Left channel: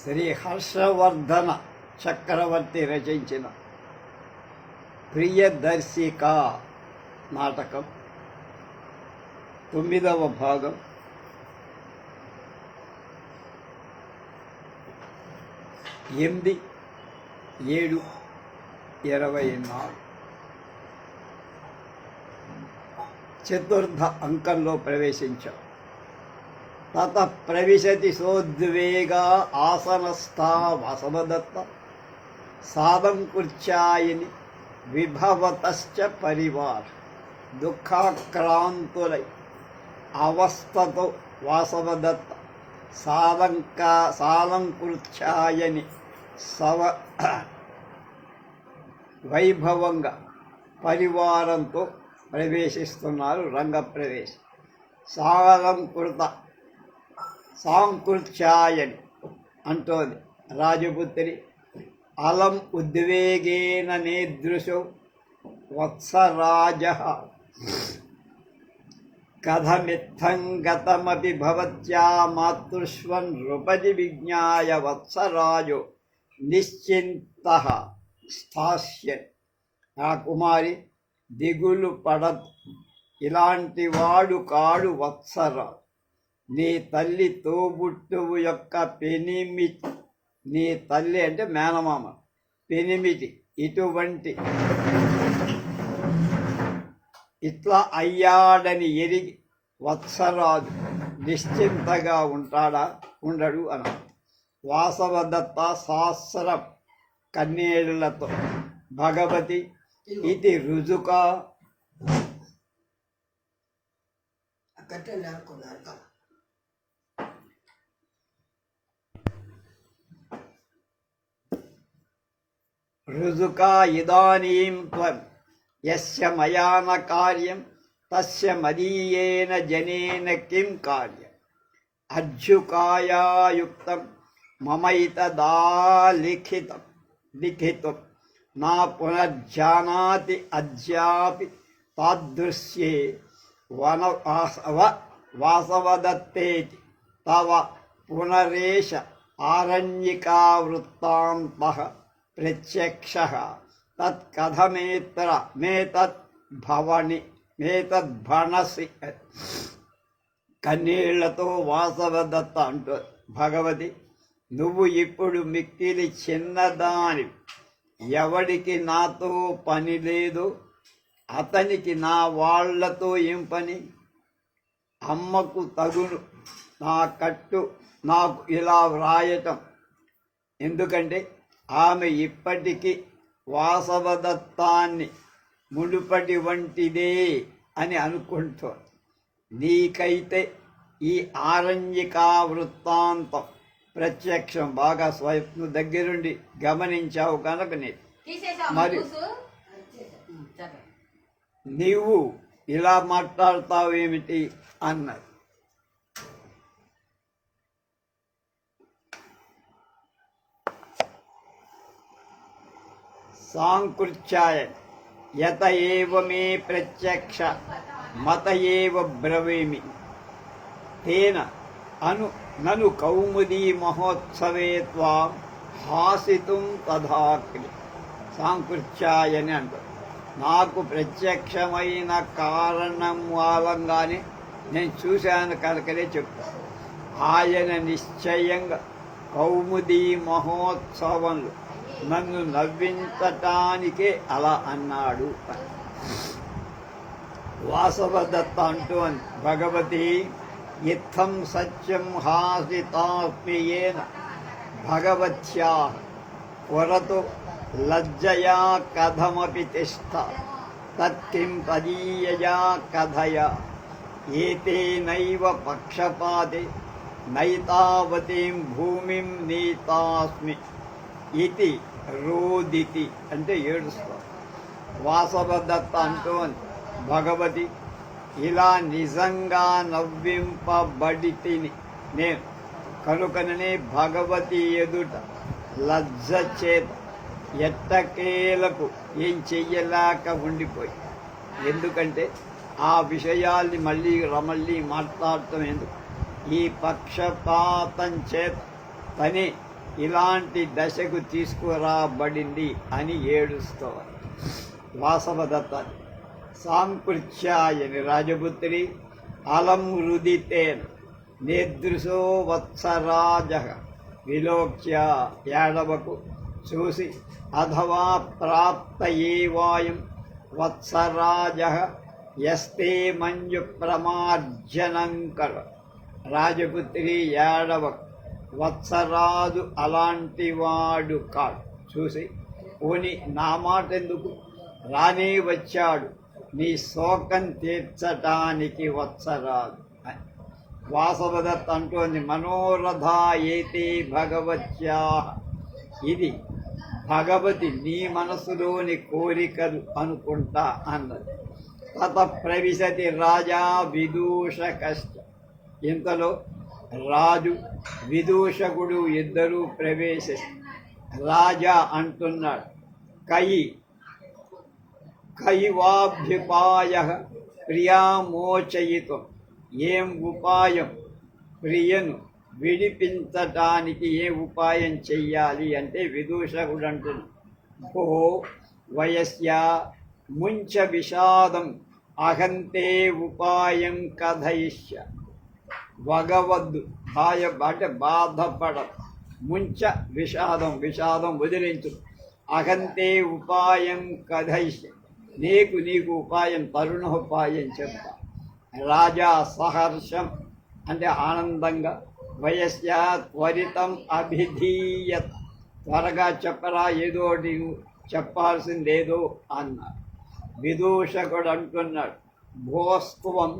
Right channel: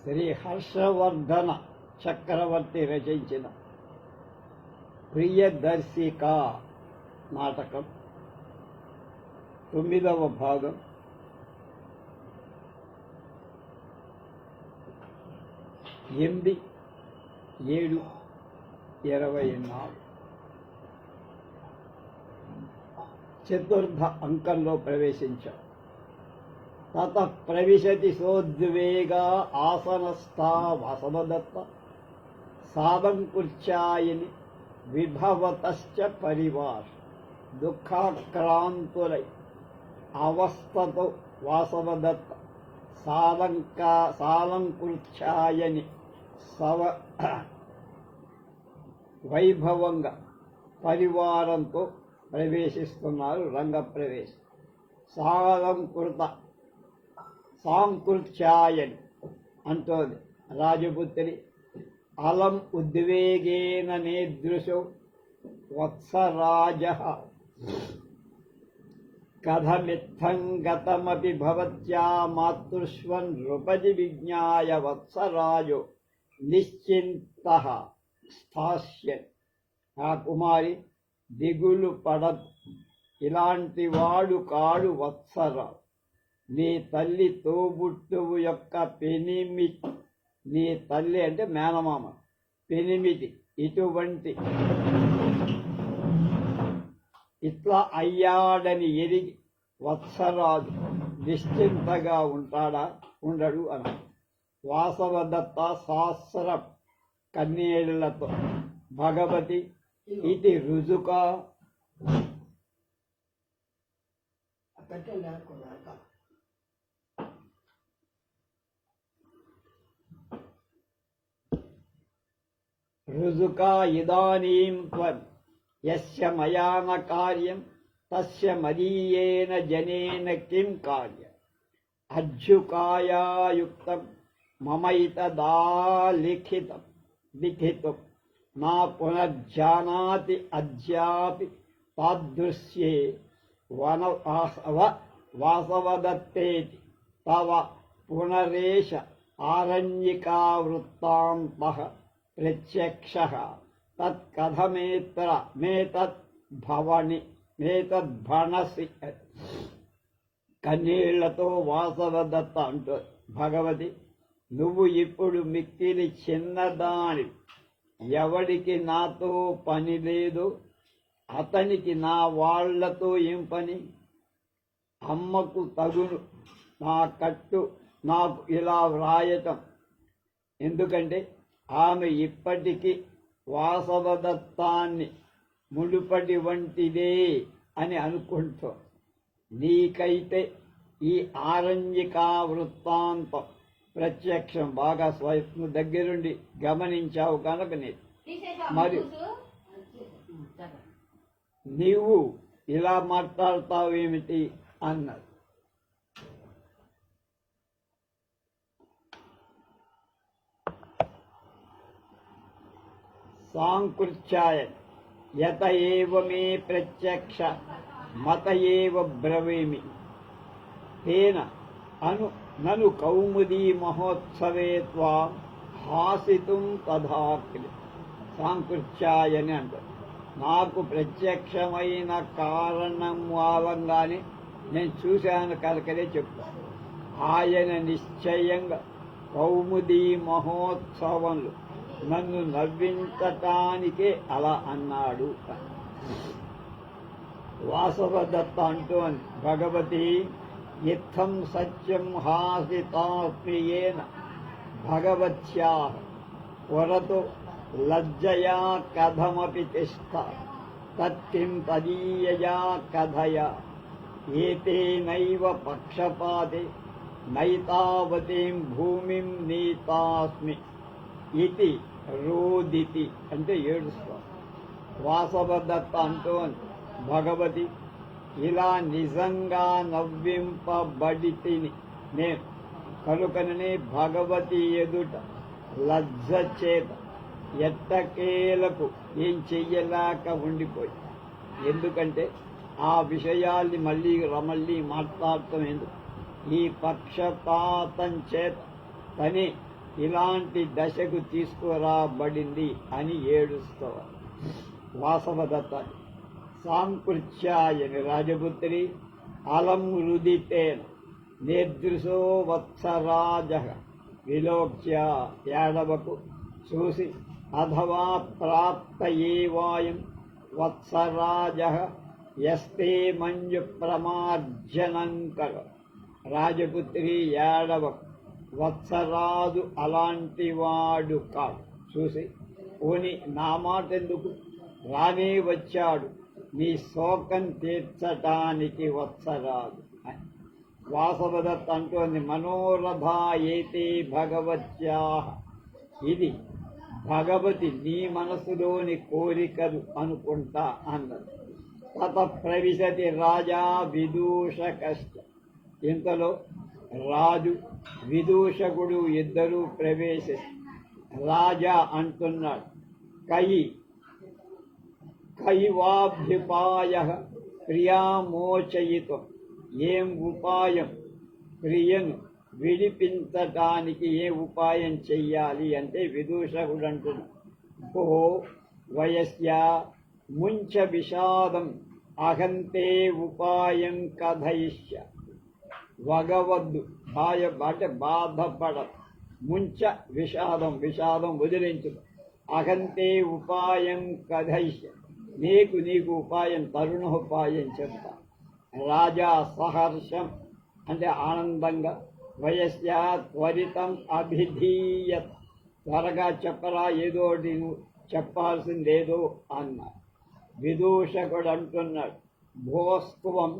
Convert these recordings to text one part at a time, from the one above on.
శ్రీ హర్షవర్ధన చక్రవర్తి రచించిన ప్రియదర్శిక నాటకం 9వ భాగం. ఎనిమిది 7/24 చతుర్థ అంకంలో ప్రవేశించాం. తత ప్రవిశతి సోద్వేగా ఆసనస్థా వాసవదత్త సాదం కుర్చాయిని విభవతశ్చ పరివార దుఃఖాక్రాంతులై అవస్థతో వాసవదత్త సాలంకృత్యాయని వైభవంగా పరివారంతో ప్రవేశిస్తున్నారు. రంగప్రవేశం. సాంకృత్యాయని అంటోంది రాజపుత్రి. అలం ఉద్వేగేన నేదృశో వత్సరాజ కథమిత్థం గతమపి భవత్యా మాతృష్వన్ నృపతి విజ్ఞాయ వత్సరాజో నిశ్చింతః స్థాస్యన్. ఆ కుమారి దిగులు పడదు, ఇలాంటి వాడు కాడు వత్సరాజు. నీ తల్లి తోబుట్టువు యొక్క పెనిమిటి, నీ తల్లి అంటే మేనమామ, పెనిమిటి ఇటువంటి ఇట్లా అయ్యాడని ఎరిగి వత్సరాజు నిశ్చింతగా ఉండడు అన్న. వాసవదత్త సహస్రం కన్నేళ్లతో భగవతి ఇది రుజుక రుజుకా ఇదానీం త్వం యస్య మయా న కార్యం తస్య మదీయేన జనేన కిం కార్యం అర్జుకాయాయుక్తం మమైతదాలిఖితం నా పునర్జానాతి అద్యాపి తాదృశ్యే వాసవదత్తేతి తవ పునరేష ఆరణ్యికా వృత్తాంతః ప్రత్యక్షః తత్కథమేత్ర మేతద్భణసి. కన్నీళ్లతో వాసవదత్త అంటూ, భగవతి నువ్వు ఇప్పుడు మిక్కిలి చిన్నదాని, ఎవడికి నాతో పని లేదు, అతనికి నా వాళ్లతో ఏం పని? అమ్మకు తగును నా కట్టు నాకు ఇలా వ్రాయటం ఎందుకంటే ఆమె ఇప్పటికీ వాసవదత్తాన్ని మునుపటి వంటిదే అని అనుకుంటోంది. నీకైతే ఈ ఆరణ్యికా వృత్తాంతం ప్రత్యక్షం, బాగా స్వప్న దగ్గరుండి గమనించావు కనుక మరి నీవు ఇలా మాట్లాడతావేమిటి అన్నారు. సాంకృత్యాయ యత ఏవ మే ప్రత్యక్ష మత ఏవ బ్రవీమి తేన నను కౌముదీ మహోత్సవే త్వాం హాసితుం తథాక్రి. సాంకృత్యాయని అంటారు. నాకు ప్రత్యక్షమైన కారణం మూలంగానే నేను చూశాను కనుకనే చెప్తాను. ఆయన నిశ్చయంగా కౌముదీ మహోత్సవంలో నన్ను నవ్వించటానికే అలా అన్నాడు. వాసవదత్త అంటూ భగవతి ఇత్థం సత్యం హాసితాత్మీయేన భగవత్యా పురతు లజ్జయా కథమపి తిష్ట తత్కిం తదీయయా కథయా ఏతేనైవ పక్షపాతే నైతావతీం భూమిం నీతాస్మి ఇది రోదితి అంటే ఏడుస్తా. వాసవదత్త అంటూ భగవతి ఇలా నిజంగా నవ్వింపబడితిని నేను కనుకననే భగవతి ఎదుట లజ్జ చేత ఎట్టకేలకు ఏం చెయ్యలేక ఉండిపోయి. ఎందుకంటే ఆ విషయాల్ని మళ్ళీ మాట్లాడటం ఎందుకు? ఈ పక్షపాతం చేత తనే ఇలాంటి దశకు తీసుకురాబడింది అని ఏడుస్తోంది వాసవదత్త. సాంకృత్యాయని రాజపుత్రి అలం రుదితేన నేదృశో వత్సరాజ విలోక్య యాడవకు చూసి అథవా ప్రాప్త ఏవాయం వత్సరాజ యస్తే మంజు ప్రమార్జనంకర. రాజపుత్రి యాడవకు, వత్సరాజు అలాంటి వాడు కాడు. చూసి పోని నా మాట ఎందుకు, రానే వచ్చాడు నీ శోకం తీర్చటానికి వత్సరాజు అని. వాసవదత్త అంటోంది, మనోరథ ఏతే భగవత్యా, ఇది భగవతి నీ మనసులోని కోరికలు అనుకుంటా అన్నది. తత ప్రవిశతి రాజా విదూషకశ్చ. ఇంతలో రాజు విదూషకుడు ఇద్దరూ ప్రవేశిస్తారు. రాజా అంటున్నాడు, కైవాభ్యుపాయ ప్రియామోచయితం. ఏం ఉపాయం, ప్రియను విడిపించటానికి ఏ ఉపాయం చెయ్యాలి అంటే విదూషకుడు అంటున్నాడు, భో వయస్య ముంచ విషాదం అహంతే ఉపాయం కథయిష్య. వగవద్దు, అంటే బాధపడ, ముంచ విషాదం, విషాదం వదిలించు, అహంతే ఉపాయం కథయిష్య, నీకు ఉపాయం, తరుణోపాయం చెప్తా. రాజా సహర్షం అంటే ఆనందంగా, వయస్య త్వరితం అభిధీయత్, త్వరగా చెప్పరా, ఏదో నీవు చెప్పాల్సిందేదో అన్నారు. విదూషకుడు అంటున్నాడు, భోస్త్వం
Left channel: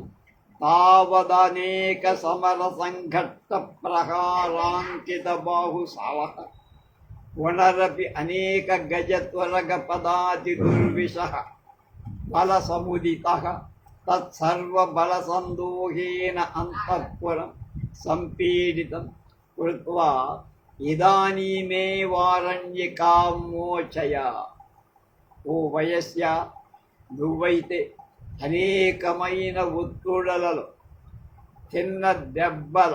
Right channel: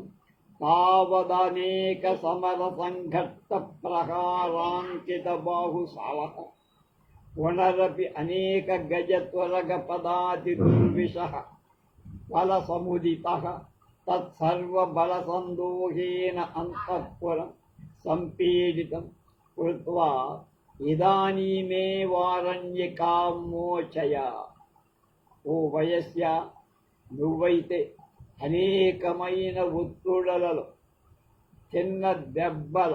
తావదనేక సమర సంఘట్ట ప్రహారాంకిత బాహుశాల పునరపి అనేక గజత్వరగ పదాతి దుర్విష బల సముదిత తత్సర్వ బల సందోహేన అంతఃపురం సంపీడితం కృత్వా ఇదానీమేవారణ్యకాం మోచయ. ఓ వయస్య, నువ్వైతే అనేకమైన ఒత్తుడలలో చిన్న దెబ్బల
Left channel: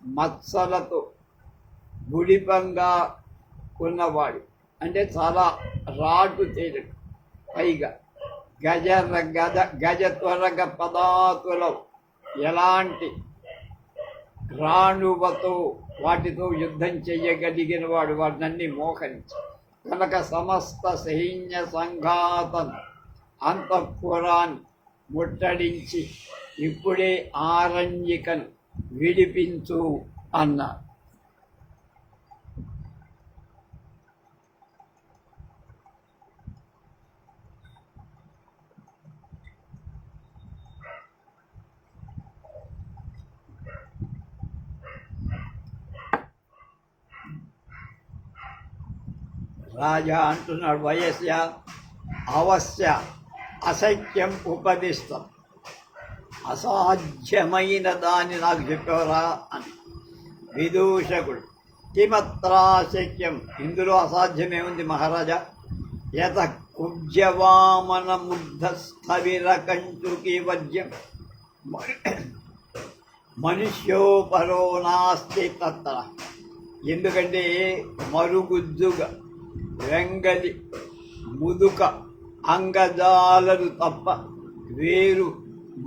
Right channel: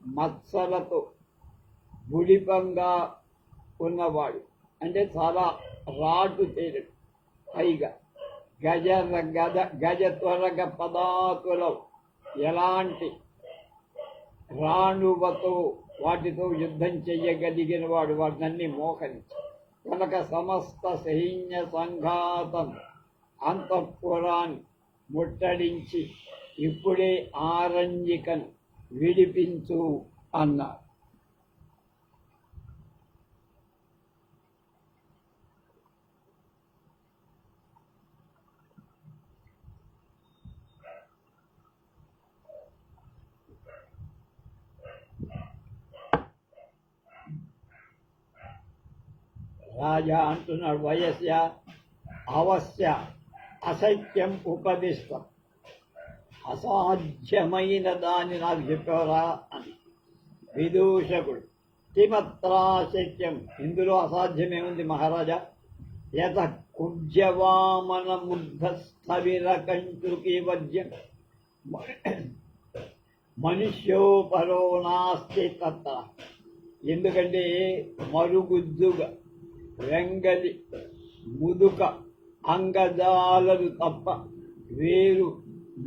మత్సలతో గుడిపంగా ఉన్నవాడు, అంటే చాలా రాటు తేలిక, పైగా గజ త్వరగ పదాతులో ఎలాంటి రాణువతో వాటితో యుద్ధం చెయ్యగలిగిన వాడు, వాటినన్నీ మోహరించి కనుక సమస్త సైన్య సంఘాతం అంతఃపురాన్ని ముట్టడించి ఇప్పుడే ఆరణ్యికను విడిపించు అన్నారు. రాజా అంటున్నాడు, వయస్య అవశ్య అసఖ్యం ఉపదిష్టం, అసాధ్యమైన దాన్ని నాకు చెప్పవరా అని. విదూషకుడు, కిమత్రాశక్యం, ఇందులో అసాధ్యమే ఉంది మహారాజా. యత కుబ్జవామన ముగ్ధ స్థవిర కంచుకి వజ్యం మనుష్యోపరో నాస్తి తత్ర. ఎందుకంటే మరుగుజ్జుగా వెంగలి ముదుక అంగజాలలు తప్ప వేరు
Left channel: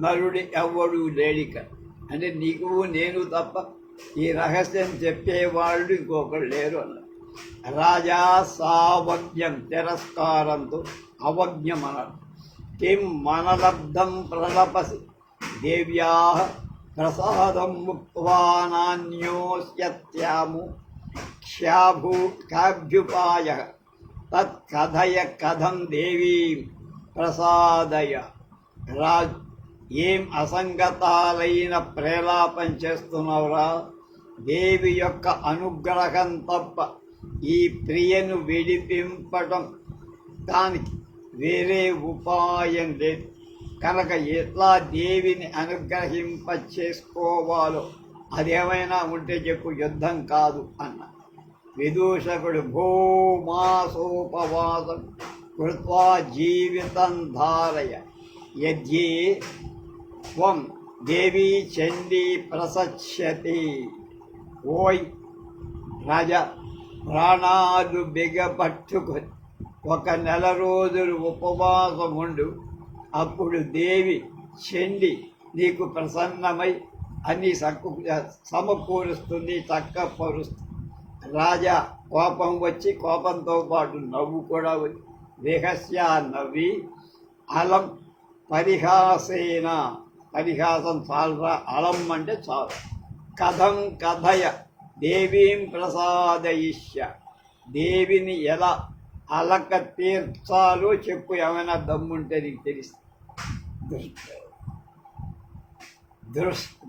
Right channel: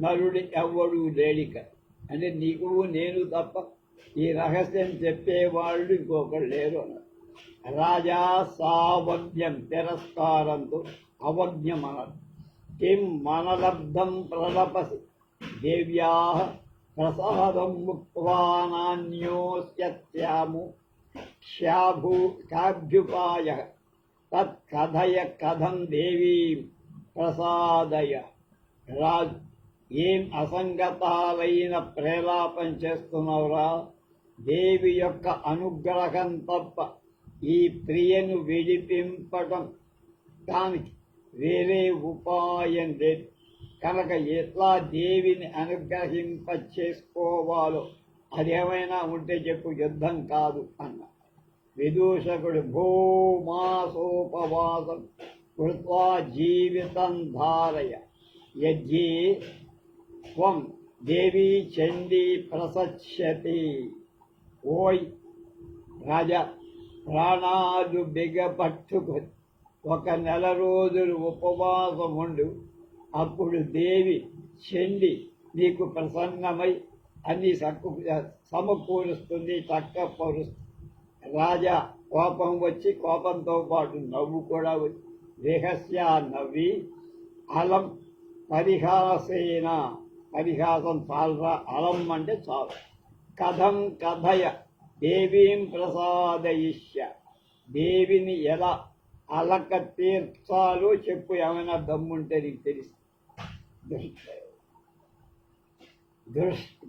నరుడి ఎవ్వడు లేడిక. అంటే నీకు నేను తప్ప ఈ రహస్యం చెప్పేవాళ్ళు ఇంకొకరు లేరు అన్నారు. రాజా సావజ్ఞం, తిరస్కారంతో అవజ్ఞం అన్నాడు. కిం మనలబ్ధం ప్రలపసి దేవ్యా ప్రసాదం ముక్త్వా నాన్యోస్యత్యాము క్షాభ్యుపాయ తత్కథయ కథం దేవీం ప్రసాదయ. రాజు, ఏం అసంగతాలైన ప్రేలాపం చేస్తున్నావురా, దేవి యొక్క అనుగ్రహం తప్ప ఈ ప్రియను విడిపింపటం దానికి వేరే ఉపాయం లేదు. కనుక ఎట్లా దేవిని అనుగ్రహింప చేసుకోవాలో అదేమైనా ఉంటే చెప్పు, యుద్ధం కాదు అన్న. విదూషకుడు, భూమాసోపవాసం కృత్వా జీవితం ధారయ యజ్ఞే త్వం దేవీ చండీ ప్రసచ్యతి. ఓయ్ రాజా, ప్రాణాలు బిగపట్టుకొని 1 నెల రోజులు ఉపవాసం ఉండు. అప్పుడు దేవి చెండి నీకు ప్రసన్నమై అన్ని సమకూరుస్తుంది, చక్కపరుస్తుంది. రాజా కోపం వచ్చి కోపంతో పాటు నవ్వు కూడా వచ్చి రహస్య నవ్వి అలం పరిహాసేన, పరిహాసం చాలరా, అలం అంటే చాలు, కథం కథయ దేవీం ప్రసాదయిష్య, దేవిని ఎలా అలక తీర్చాలో చెప్పు, ఏమైనా దమ్ముంటే నీకు తెలుస్తుంది.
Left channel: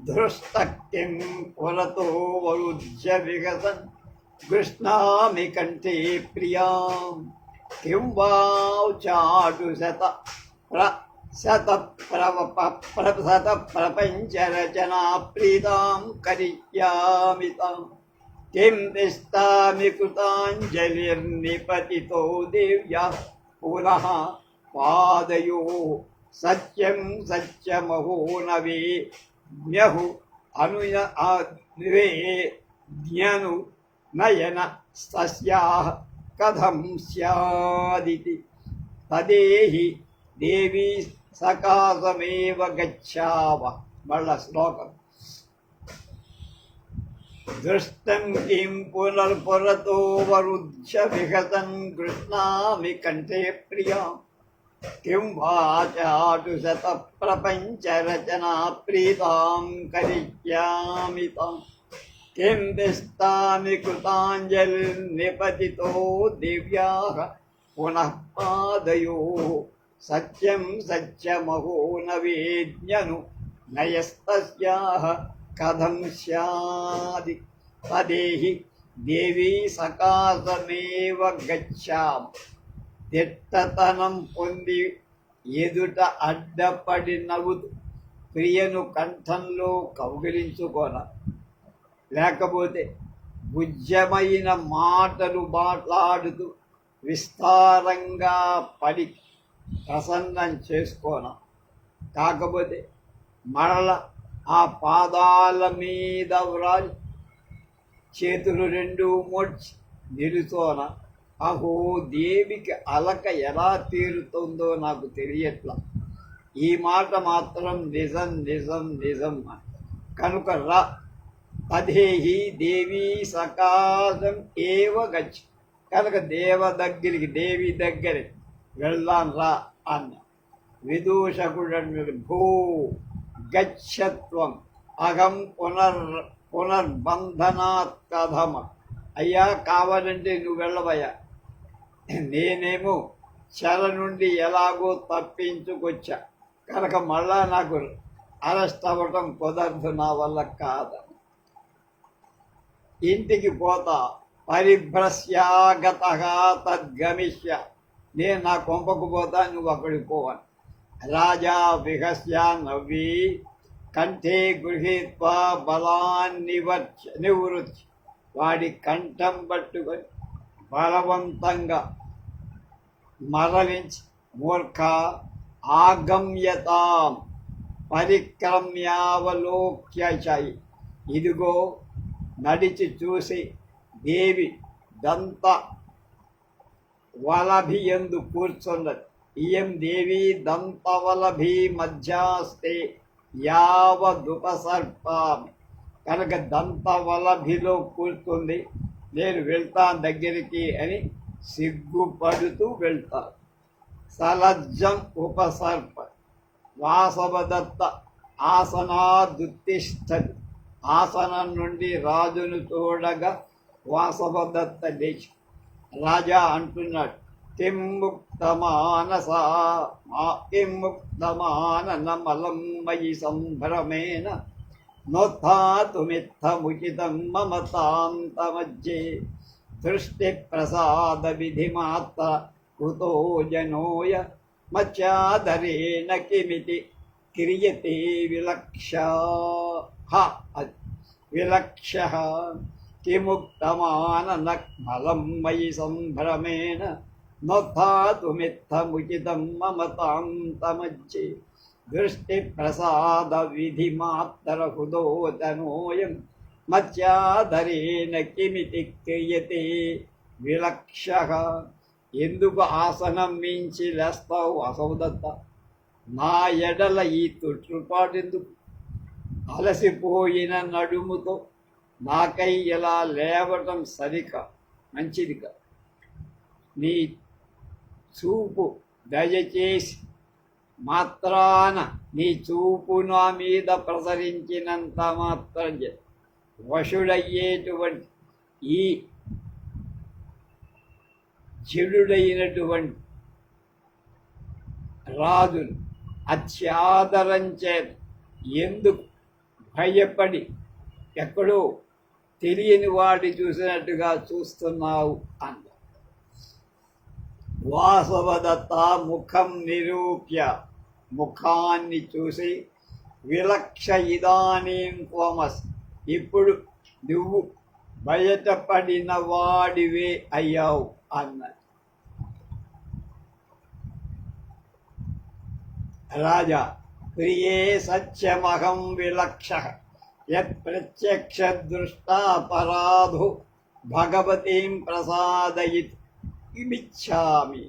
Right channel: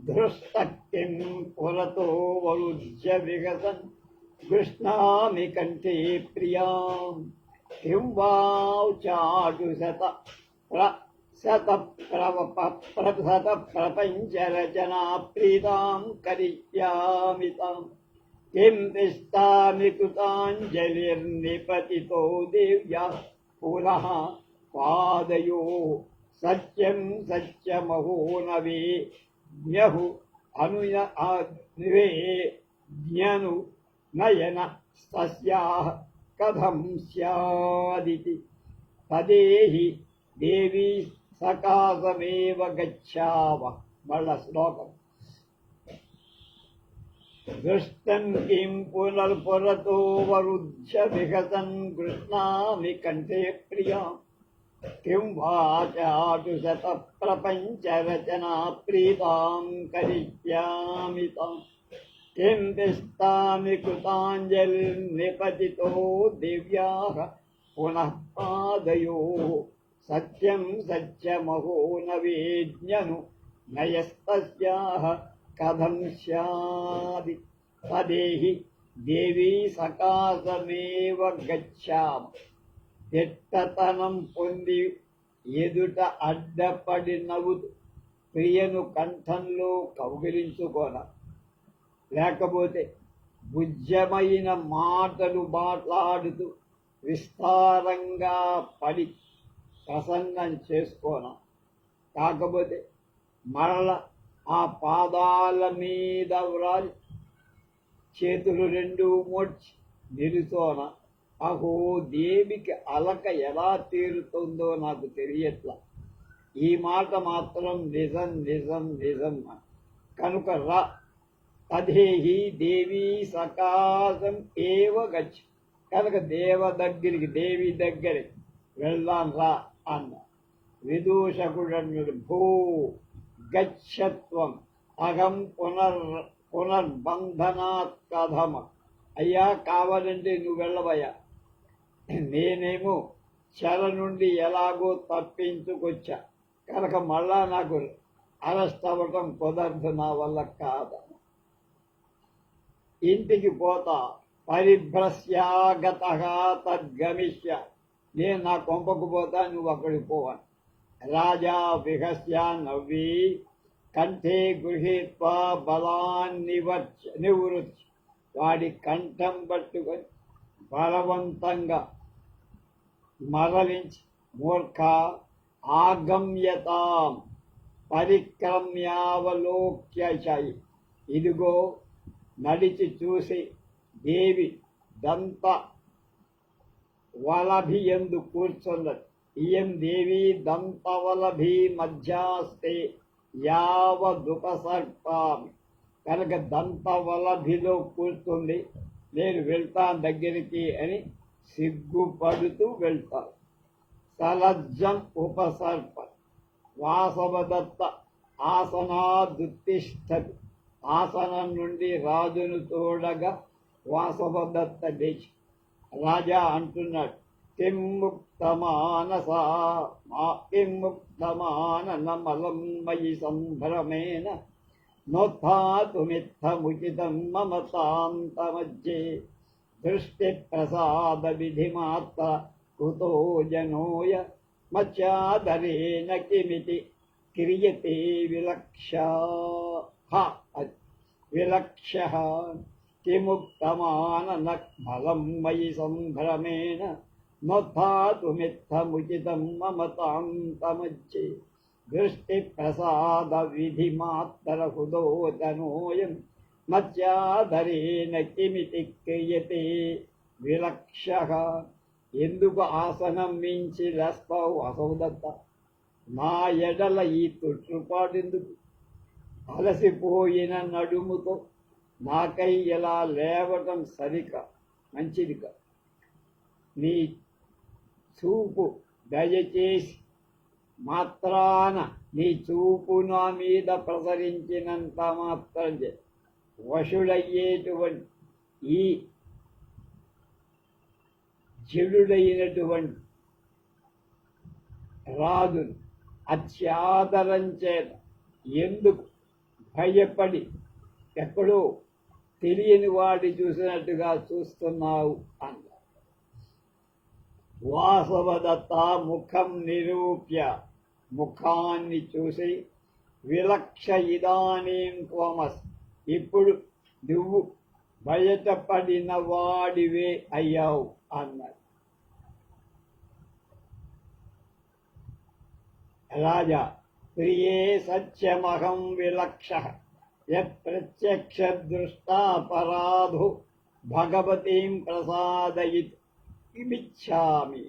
దృష్టకిం పురతో వరుధ్య విగసన్ కృష్ణామి కంఠే ప్రియాం కిం వాచాటు శత ప్రపంచ రచనా ప్రీతాం కరిష్యామి తాం కిం తిష్టామి కృతాంజలిర్నిపతితో దివ్యా పునః పాదయో సత్యం సత్యమహో నవే జ్ఞహు జ్ఞను నయన సస్యాః కథం స్యాదితి తదేహి దేవీ సకాశమేవ గచ్ఛావ. మళ్ళా శ్లోకం. దృష్టం కిం పునర్పురతో వరుధ్య విహసన్ కృష్ణామి కంఠే ప్రియాం కిం వాచాటు శత ప్రపంచ రచనా ప్రీతాం కరిష్యామి తాం కిం తిష్టామి కృతాంజలిర్నిపతితో దివ్యాః పునః పాదయోః సత్యం సత్యమహో నవేజ్ఞను నయస్తస్యాః కథం స్యాది తదేహి దేవీ సకాశమేవ గచ్ఛామి. దిట్టతనం పొంది ఎదుట అడ్డపడి నవ్వుతూ ప్రియను కంఠంలో కౌగిలించుకోన, లేకపోతే భుజ్యమైన మాటలు మాట్లాడుతూ విస్తారంగా పడి ప్రసన్నం చేసుకోన, కాకపోతే మరల ఆ పాదాల మీద వ్రాలి చేతులు 2 మోడ్చి నిలుచోన. అహో, దేవికి అలక ఎలా తీరుతుందో నాకు తెలియట్లా. ఈ మాట మాత్రం నిజం నిజం నిజం కనుక రా, తదేహి దేవీ సకాశం ఏవ గచ్చి, కనుక దేవి దగ్గరికి వెళ్దాం రా అన్న. విదూషకుడు భూ గచ్చత్వం అహం పునర్బంధనాత్ కథమ. అయ్యా, కావాలంటే నువ్వు వెళ్ళవయ్యా, నేనేమో చెర నుండి ఎలాగో తప్పించుకొచ్చా, కనుక మళ్ళా నాకు అరెస్ట్ అవ్వటం కుదరదు, నా వల్ల కాదు. ఇంటికి పోతా, పరిభ్రస్యాగత తద్గమిష్య, నేను నా కొంపకు పోతా, నువ్వు అక్కడికి పోవాలి. రాజా విహస్య నవ్వి కంఠే గృహీత్వా బలాన్ని నివృత్తి, వాడి కంఠం పట్టుకొని బలవంతంగా మరలించి మూర్ఖ ఆగమ్యతాం పరిక్రమ్యావలోక్యచాయి, ఇదిగో నడిచి చూసి దేవి దంత వలభియందు కూర్చున్నది. ఇయం దేవి దంతవలభి మధ్యాస్తే యావదుపసర్పామి, కనుక దంతవలభిలో కూర్చుంది, నేను వెళ్తాను దగ్గరికి అని సిగ్గుపడుతూ వెళ్తాను. సలజ్జం ఉపసర్ప వాసవదత్త ఆసనాదుత్తిష్టతి, ఆసనం నుండి రాజును చూడగా వాసవదత్త లేచి రాజా అంటున్నాడు, కిం ముక్తమాననమలం మయి సంభ్రమేణ నోత్థాతుమిత్తముచితం మమ తాంతమజ్జే దృష్టి ప్రసాద విధిమాత్ర కుతో జనోయ మచ్చాదరేణ కిమితి క్రియతే విలక్ష్య కిముక్తమాననమలం మయి సంభ్రమేణ నోత్థాతుమిత్తముచితం మమ తాంతమజ్జే దృష్టి ప్రసాద విధిమాత్ర హృదోతనోయం మత్స్యాధరేణ కిమితి క్రియతే విలక్షః. ఎందుకు ఆసనం మించి లేస్తావు అసౌదత్త? నా ఎడల ఈ తొట్టుపాటెందుకు? అలసిపోయిన నడుముతో నాకై ఇలా లేవటం సరికా, మంచిదిగా. నీ చూపు దయచేసి మాత్రాన నీ చూపు నా మీద ప్రసరించినంత మాత్రం వశుడయ్యేటువంటి ఈ చెడుడైనటువంటి రాజును అత్యాదరం చేత ఎందుకు భయపడి ఎక్కడో తెలియని వాడి చూసినట్టుగా చూస్తున్నావు అన్న. వాసవదత్త ముఖం నిరూప్య, ముఖాన్ని చూసి విలక్ష ఇదానీం త్వమస్, ఇప్పుడు నువ్వు బయటపడిన వాడివే అయ్యావు అన్నది. రాజా ప్రియే సత్యమహం విలక్ష యత్ ప్రత్యక్ష దృష్టాపరాధో భగవతీం ప్రసాదయిత్ ఇమిచ్చామి.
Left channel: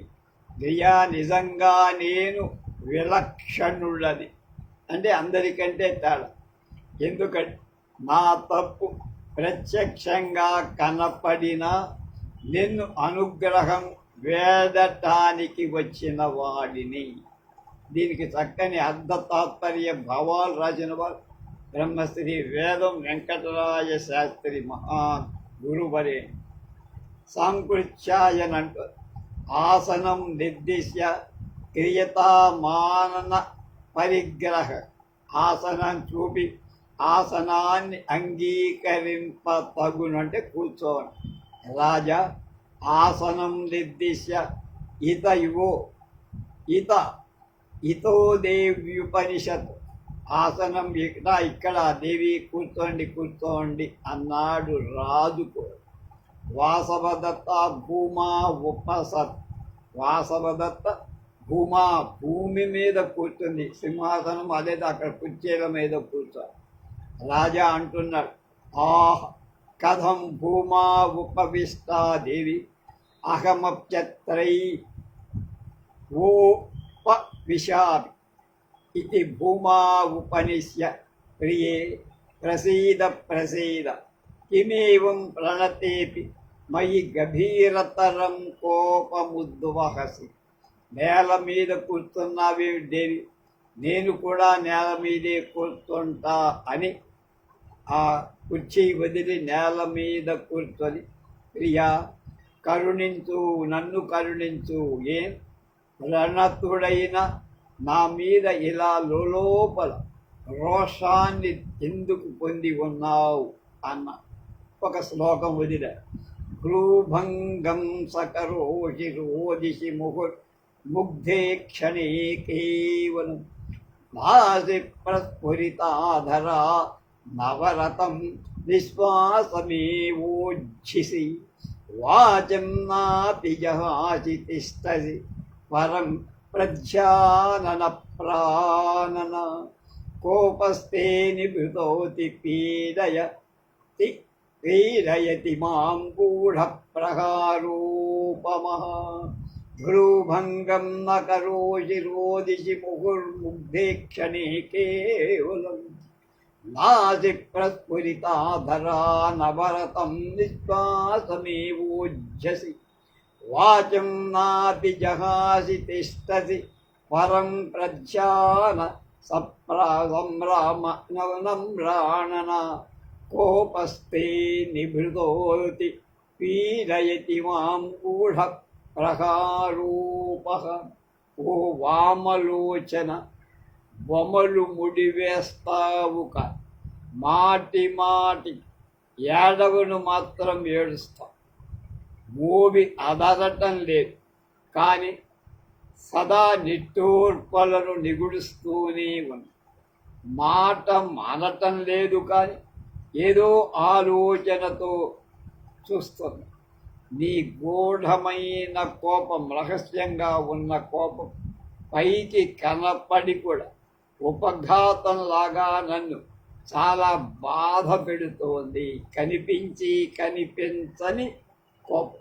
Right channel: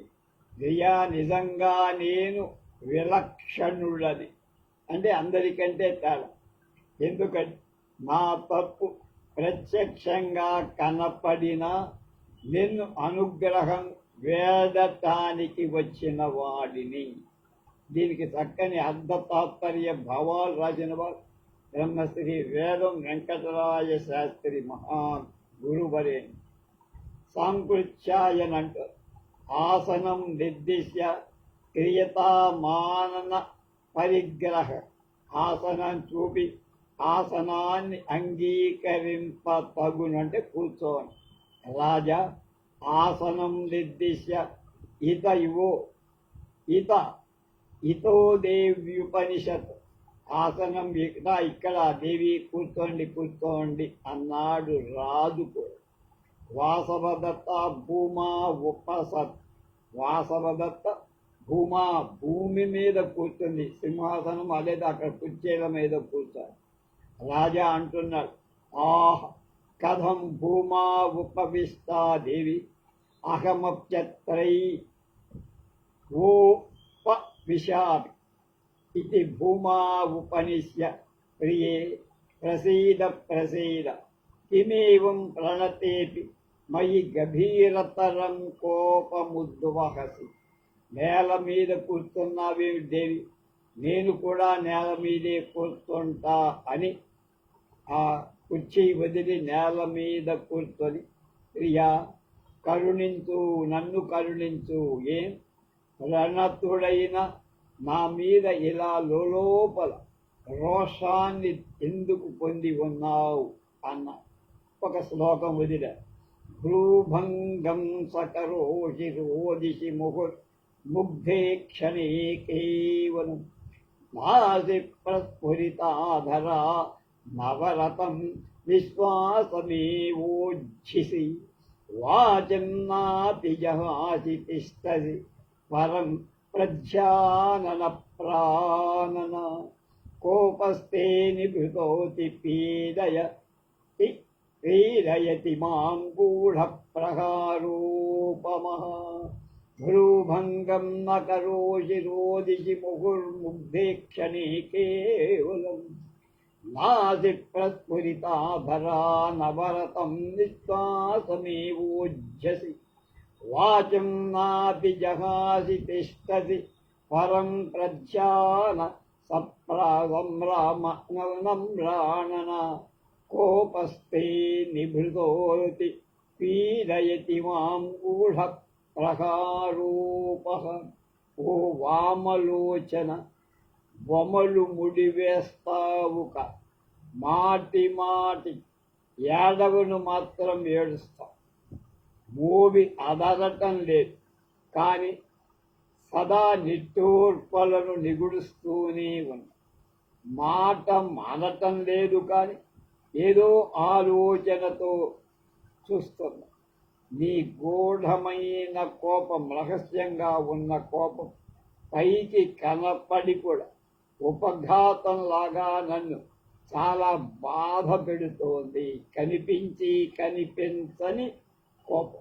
ప్రియా నిజంగా నేను విలక్షణుడని, అంటే అందరికంటే తేడా. ఎందుకంటే నా తప్పు ప్రత్యక్షంగా కనపడినా నిన్ను అనుగ్రహం వేడటానికి వచ్చిన వాడిని. దీనికి చక్కని అర్ధ తాత్పర్య భావాలు రాసిన వారు బ్రహ్మశ్రీ వేదం వెంకటరాయ శాస్త్రి మహా గురువరే. సాంకృత్యాయన అంటూ ఆసనం నిర్దిశ్య క్రియతామానన పరిగ్రహ, ఆసనం చూపి ఆసనాన్ని అంగీకరింప తగును, అంటే కూర్చోవడం. రాజా ఆసనం నిర్దిశ్య ఇత ఇవో ఇత ఇతో దేవ్యుపనిషత్, ఆసనం ఇక్కడ దేవి కూర్చోండి కూర్చోండి అన్నాడు రాజుకు. వాసవదత్త భూమా ఉపసత్, వాసవదత్త భూమా భూమి మీద కూర్చుంది, సింహాసనం అదే అక్కడ కుర్చీల మీద కూర్చోండి. రాజా అంటున్నాడు, ఆహ్ కథం భూమా ఉపవిష్టా దేవి అహమప్యత్రై ఓపవిశామి ఇది భూమా ఉపనిశ్య ప్రియే ప్రసీద ప్రసీద కిమేవం ప్రణతేపి మయి గభీరతరం కోపముద్వహసి. నేల మీద కూర్చున్నావే దేవి, నేను కూడా నేల మీదే కూర్చుంటా అని ఆ కుర్చీ వదిలి నేల మీద కూర్చొని, ప్రియా కరుణించు, నన్ను కరుణించు, ఏం ప్రణతుడైన నా మీద ఇలా లోపల రోషాన్ని ఎందుకు పొంది ఉన్నావు అన్న ఒక శ్లోకం వదిల. గ్రూభంగం సకరోషి రోదిషి ముగ్ధే క్షణే కేవలం నాసి ప్రస్ఫురితాధరా నవరతం విశ్వాసమేవోజ్జిసి వాచం నాపి జహాసి తిష్టసి పరం ప్రధ్యానన ప్రాణన కోపస్తే నిభృతోతి పీడయతి మాం గూఢ ప్రహారోపమః. ధ్రుభంగం న కరోషి రోదిషి ముహుర్ముగ్ధే క్షణే కేవలం నాసి ప్రస్ఫురితాధరా నవరతం విశ్వాసమేవోజ్జసి వాచం నాపి జహాసి తిష్టసి పరం ప్రధ్యాన సంరాణన కోపస్తే నిభృతోతి పీడయతి మాం గూఢ ప్రహారూపః. ఓ వామలోచన, బొమ్మలు ముడివేస్తావు కా, మాటి మాటి ఏడవను మాత్రం ఏడుస్తావు. మూవి అదరటం లేదు కానీ సదా నిట్టూర్పలను నిగుడుస్తూనే ఉంది. మాట మానటం లేదు కానీ ఏదో ఆలోచనతో చూస్తుంది. నీ గూఢమైన కోపం, రహస్యంగా ఉన్న కోపం పైకి కనపడి కూడా ఉపఘాతంలాగా నన్ను చాలా బాధ పెడుతోంది. కనిపించి కనిపించని కోపం.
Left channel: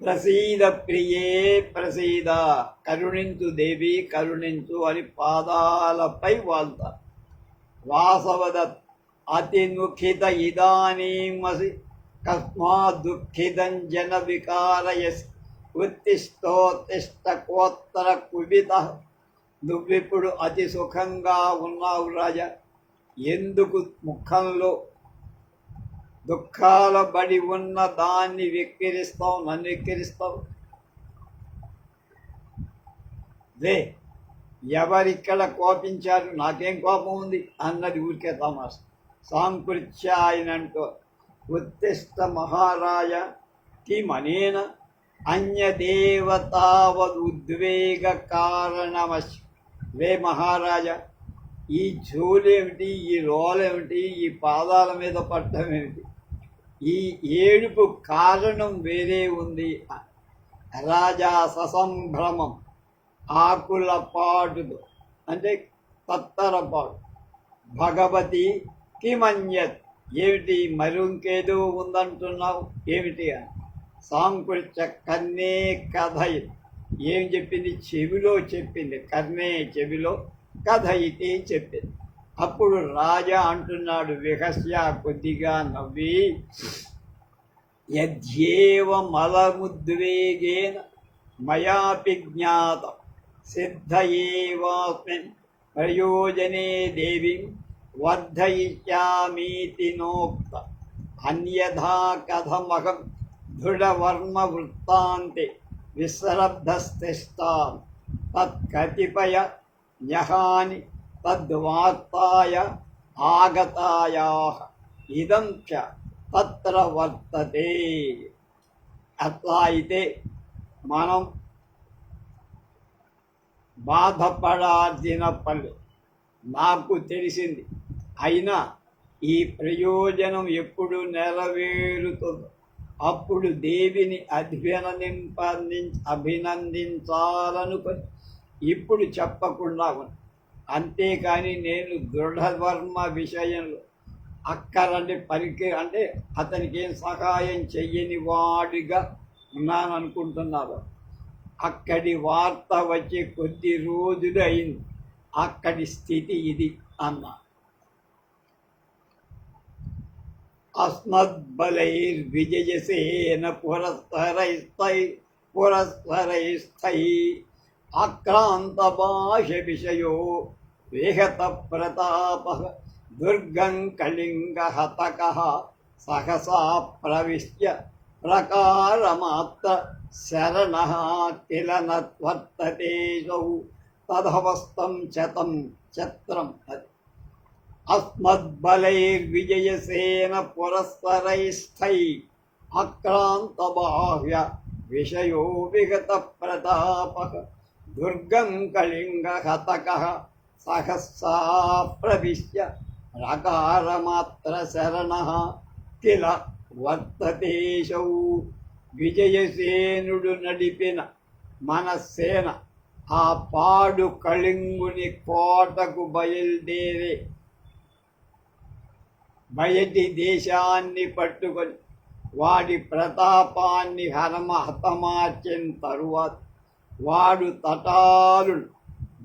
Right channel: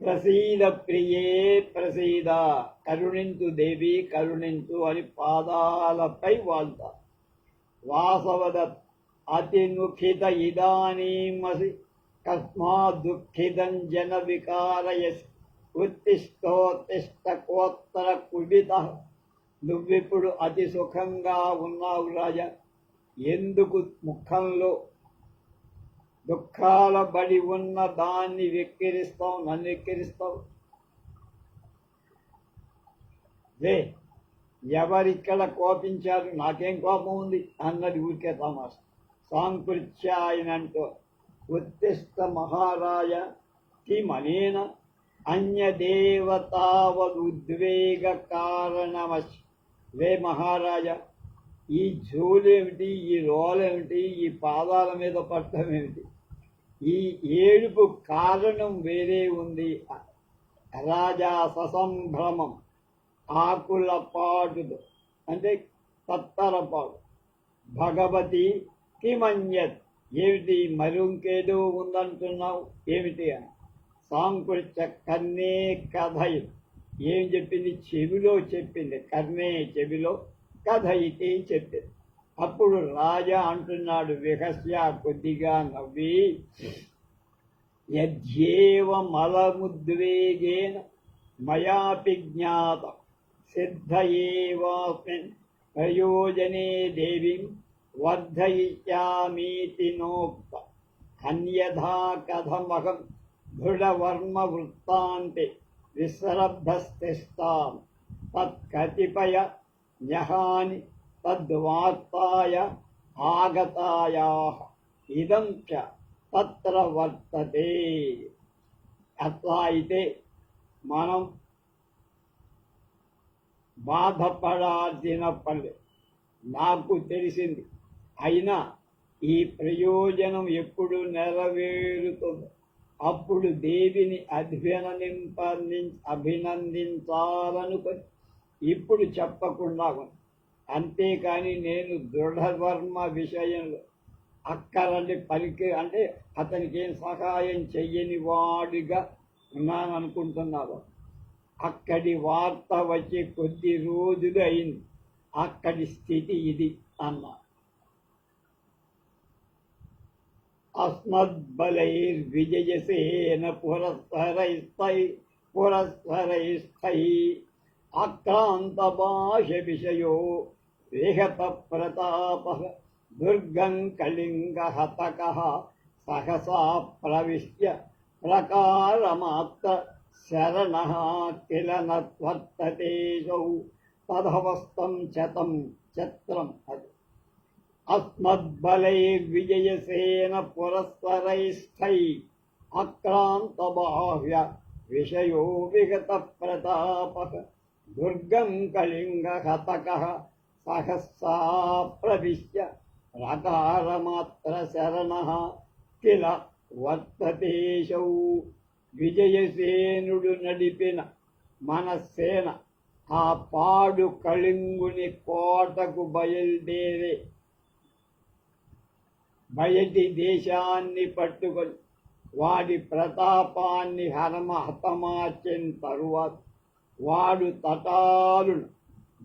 ప్రసీద ప్రియే ప్రసీద, కరుణించు దేవి కరుణించు అని పాదాలపై వాళ్తారు. వాసవదత్ అతి నుఖిత ఇదానీమసి కస్మాత్ దుఃఖితం జన వికారయసి ఉత్తిష్టోత్తిష్ట కోత్తర కుబిత. నువ్విప్పుడు అతి సుఖంగా ఉన్నావు రాజా, ఎందుకు ముఖంలో దుఃఖాల బడి ఉన్న దాన్ని వెక్కిరిస్తావు, నన్ను వెక్కిరిస్తావు? లే, ఎవరిక్కడ కోపించారు, నాకేం కోపం ఉంది అన్నది ఊరికే తమాష. సాంకృత్య ఆయనంటూ ఉత్తిష్ట మహారాజ కిమనేన అన్యదేవతావదుద్వేగ కారణమశ్. వే మహారాజా, ఈ జోలేమిటి, ఈ రోలేమిటి, ఈ పాదాల మీద పట్టడం ఏమిటి? ఈ ఏడుపు కారణం వేరే ఉంది. రాజా ససంభ్రమం, ఆకుల పాటుతో అంటే తత్తరపాటు. భగవతి కిమన్యత్, ఏమిటి మరొంకేదో ఉందంటున్నావు ఏమిటి అని. సాంకృత్య కన్నే కథ, ఏం చెప్పింది? చెవిలో చెప్పింది. కర్ణే చెవిలో, కథ ఇది చెప్పింది. అప్పుడు రాజా అంటున్నాడు విహస్య కొద్దిగా నవ్వి, యద్యేవ మలముద్వేగేన మయాపి జ్ఞాతం సిద్ధయేవాస్మిన్ ప్రయోజనే దేవీం వర్ధయిష్యామీతి నోక్త. అన్యథా కథమహం దృఢవర్మ వృత్తాంతే విశ్రబ్ధస్థిష్టాం తత్కతిపయ న్యహాని తద్వార్తాయ ఆగతాయాః ఇదం చ తత్ర వర్తతే. అట్లా అయితే మనం బాధపడాల్సిన పని నాకు తెలిసింది. అయినా ఈ ప్రయోజనం ఎప్పుడు నెరవేరుతుందో అప్పుడు దేవిని అభినందించాలనుకొని ఇప్పుడు చెప్పకుండా ఉంది. అంతేకాని నేను దృఢవర్మ విషయంలో అక్కరంటే అంటే అతనికి ఏం సహాయం చెయ్యని వాడిగా ఉన్నాను అనుకుంటున్నారు. అక్కడి వార్త వచ్చి కొద్ది రోజులు అయింది, అక్కడి స్థితి ఇది అన్నా. అస్మద్బలైర్విజయసేన పురస్సరైస్థై ఆక్రాంత భాష విషయో వేహత ప్రతాప దుర్గం కళింగ హతకః సహసా ప్రవిశ్య ప్రకారమాత్ర శరణః కిల నత్వర్తతేషౌ తదవస్తం చతం చత్రం. అది అస్మద్బలైర్విజయసేన పురస్సరైస్థై ఆక్రాంత బాహ్య విషయో విగత ప్రతాపః దుర్గం కళింగ హతకః సహస్సా ప్రవిశ్య ప్రకారమాత్ర శరణః కిల వర్తతేషౌ. విజయసేనుడు నడిపిన మన సేన ఆ పాడు కళింగుని కోటకు బయటి దేశాన్ని పట్టుకొని వాడి ప్రతాపాన్ని హతమార్చిన తరువాత వాడు తటాలు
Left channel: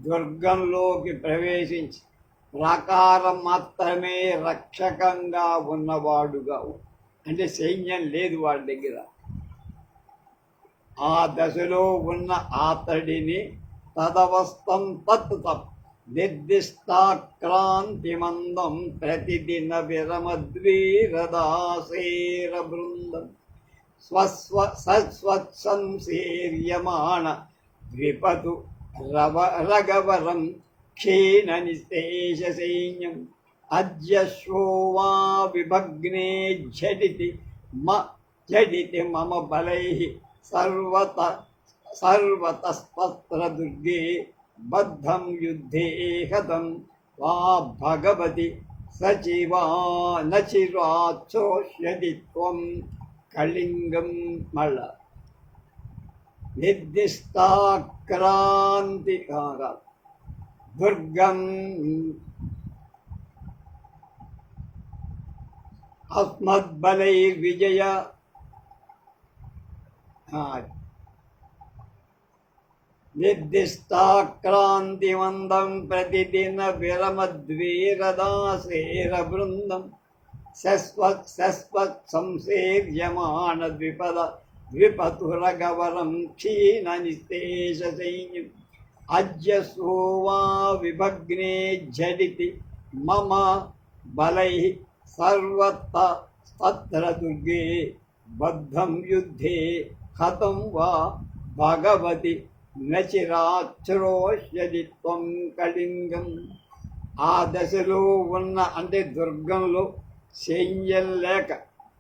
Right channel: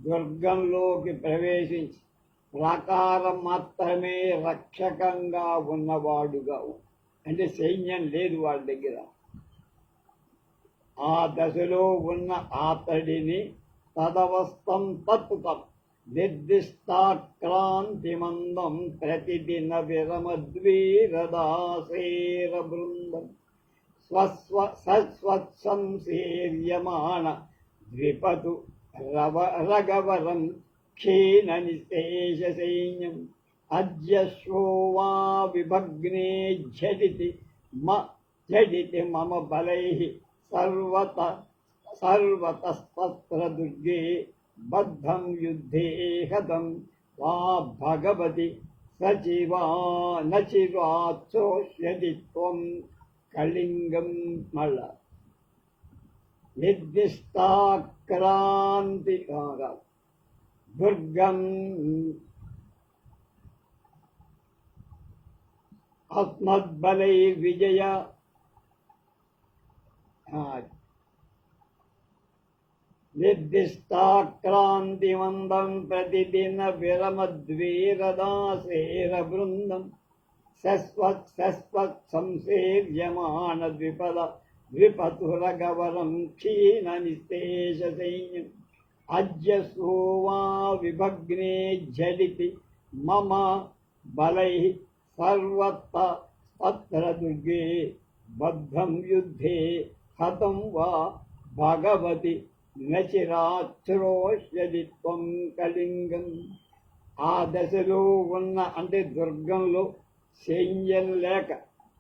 దుర్గంలోకి ప్రవేశించి ప్రాకారం మాత్రమే రక్షకంగా ఉన్నవాడుగా, అంటే సైన్యం లేదు వాడి దగ్గర. ఆ దశలో ఉన్న అతడిని తదవస్థం తత్తం నిర్దిష్టాక్రాంతిమందం ప్రతిదిన విరమద్వీరదాసేర బృందం సస్వత్సంసేర్యమాణ ద్విపతు రగవరం క్షీణ నిశేష సైన్యం అద్యశ్వో వా విభగ్నే ఝటితి మమ బలైః సర్వతస్తత్ర దుర్గే బద్ధం యుద్ధే హతం వా భగవతి సచివా నచిరాచోష్యతి త్వం కళింగం. మళ్ళ నిర్దిష్టాక్రాంతి దుర్గం అస్మద్బలైర్విజయ నిర్దిష్టాక్రాంతివందం ప్రతిదిన విరమద్వీరదాసేర బృందం శశ్వత్ సంసేర్యమాణ ద్విపతురగవరం క్షీణ నిస్తేష సైన్యం అజ్యసోవా విభగ్నే ఝడితి మమ బలై సర్వత్ర దుర్గే బద్ధం యుద్ధే హతం వా భగవతి నచిరాశ్రోష్యది త్వం కళింగం. ఆ దశలో ఉన్న అంటే దుర్గంలో సైన్యం లేక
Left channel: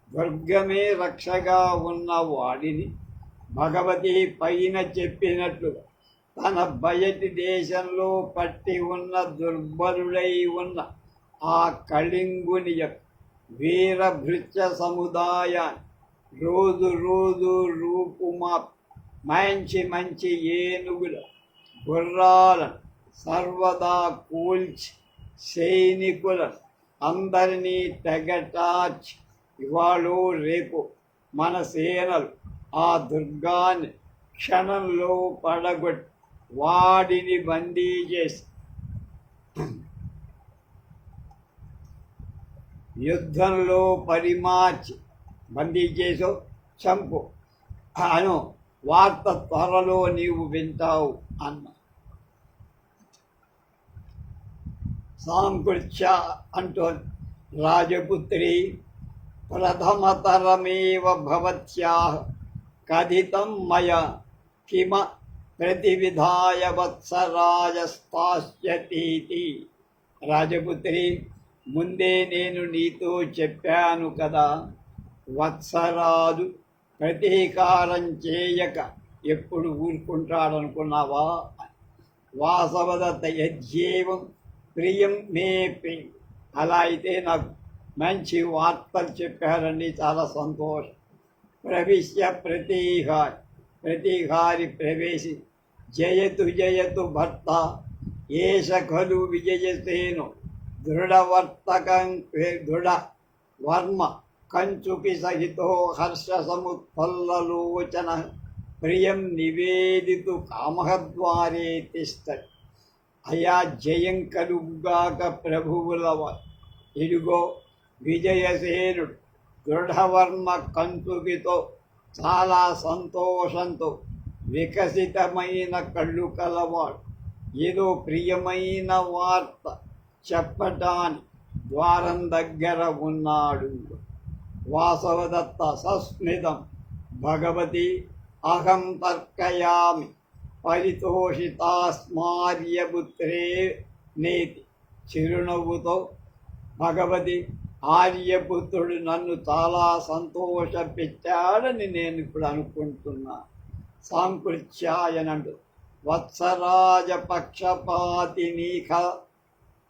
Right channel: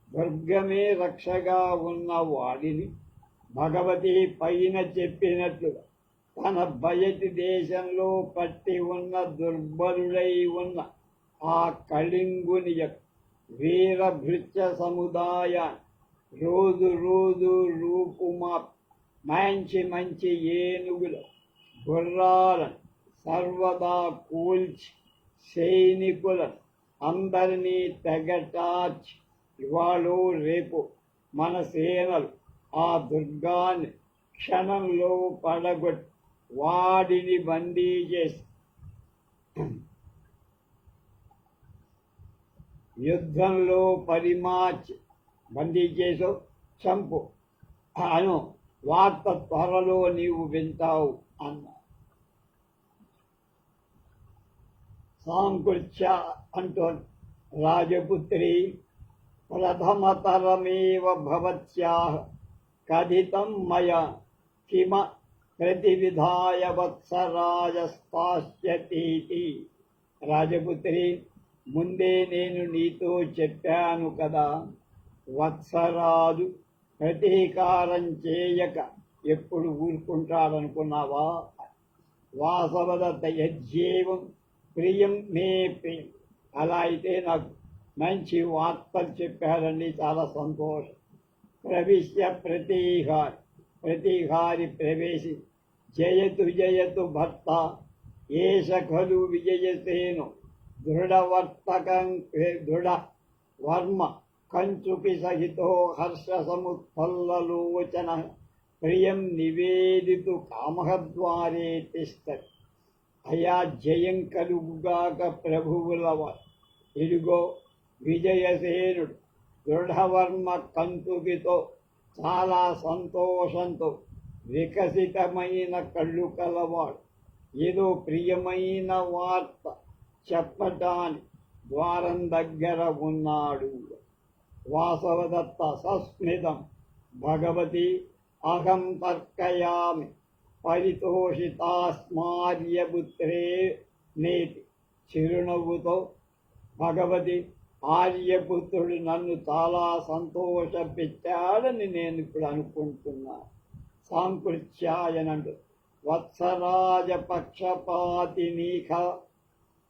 దుర్గమే రక్షగా ఉన్న వాడిని భగవతి పైన చెప్పినట్లుగా తన బయటి దేశంలో పట్టి ఉన్న దుర్బలుడై ఉన్న ఆ కళింగుని యొక్క వీరభృత్య సముదాయాన్ని రోజు రోజు రూపుమా మంచి మంచి ఏనుగుల గుర్రాలను సర్వదా కూల్చి సైనికులను అందరినీ తెగటార్చి ఇవాళ రేపు మన సేనలు ఆ దుర్గాన్ని క్షణంలో పడగొట్టి వాడిని బందీ చేసి యుద్ధంలో పరిమార్చి బందీ చేసో చంపు అను వార్త త్వరలో నీవు వింటావు అన్న. సాంకృత్య అంటోంది, రాజపుత్రి ప్రథమతరమేవ భవత్యాః కథితం మయా కిమ ప్రతివిధాయ వత్సరాజస్తాస్యతీతి. రాజపుత్రి, ముందే నేను నీతో చెప్పాను కదా, వత్సరాజు ప్రతీకారం చేయక ఎప్పుడు ఊరుకుంటాడనుకున్నావా? వాసవదత్త యజ్జేవం ప్రియం మే ప్రియం. అలా అయితే నాకు మంచి వార్తలు చెప్పారండి, చాలా సంతోషం. ప్రవిశ్య ప్రతీహారి ప్రవేశి జయతు జయతు భర్త ఏష ఖలు విజయసేను దృఢవర్తకం దృఢ వర్మ కంచుకి సహితో హర్ష సముత్ఫల్లలోచన ప్రియం నివేదితు కామహద్వారే తిష్టతి. అయా జయం కలుగుగాక ప్రభువులవ. ఇదిగో విజయసేనుడు దృఢవర్మ కంచుకితో చాలా సంతోషంతో వికసితమైన కళ్ళు కలవాడు ఏదో ప్రియమైన వార్త చెప్పటానికి ద్వారం దగ్గర ఉన్నాడు. వాసవదత్త సస్మితం భగవతి అహం తర్కయామి పరితోషితాస్మార్యపుత్రే నేతి. చిరునవ్వుతో, భగవతి, ఆర్యపుత్రుడు నన్ను చాలా సంతోషపెట్టాడని నేను ఇప్పుడు అనుకుంటున్నా. సాంకృత్యాయనండు వత్సరాజ పక్షపాతి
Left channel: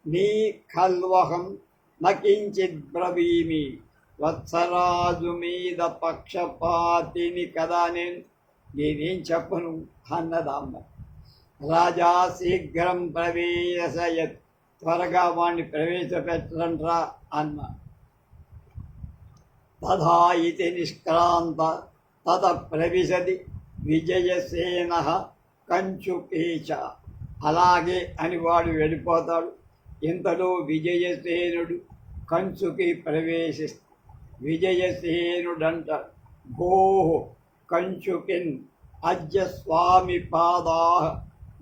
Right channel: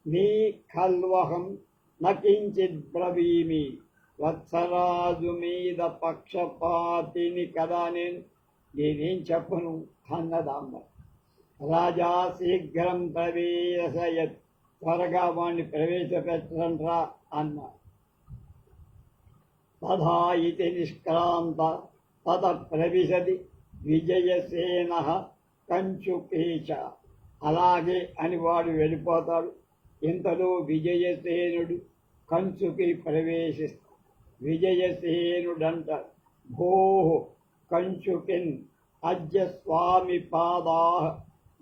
నీ ఖల్వహం నకించిత్ బ్రవీమి. వత్సరాజు మీద పక్షపాతిని కదా నేనేం చెప్పను అన్నదామ్మ. రాజా శీఘ్రం ప్రవేశయత్, త్వరగా వాణ్ణి ప్రవేశపెట్టరంట్రా అన్న. తథా ఇతి నిష్క్రాంత తత ప్రవిశది విజయసేన కంచుకేచ. అలాగే అని వాడు వెళ్ళిపోతాడు. ఇంతలో విజయసేనుడు కంచుకి ప్రవేశిస్తాడు. విజయసేనుడంట, భోః కంచుకిన్ అద్య స్వామి పాదాః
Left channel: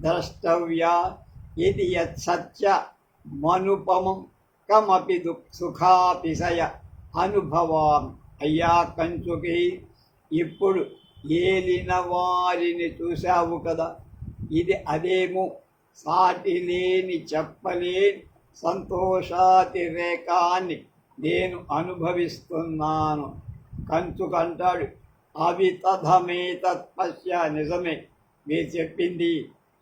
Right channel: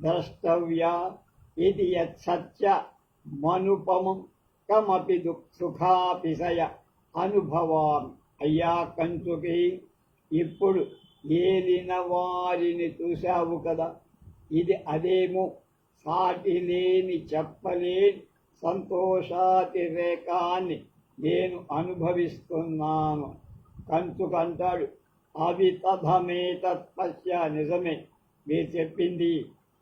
ద్రష్టవ్యా ఇది యత్సత్య మనుపమం కమపి సుఖాపిశయ అనుభవామి. అయ్యా కంచుకి, ఇప్పుడు ఏలిన వారిని చూశావు కదా, ఇది అదేమో సాటి లేని చెప్పలేని సంతోషాతిరేకాన్ని నేను అనుభవిస్తున్నాను. కంచుకంటాడు, అవి తథమేతత్పశ్య. నిజమే, మీరు చెప్పింది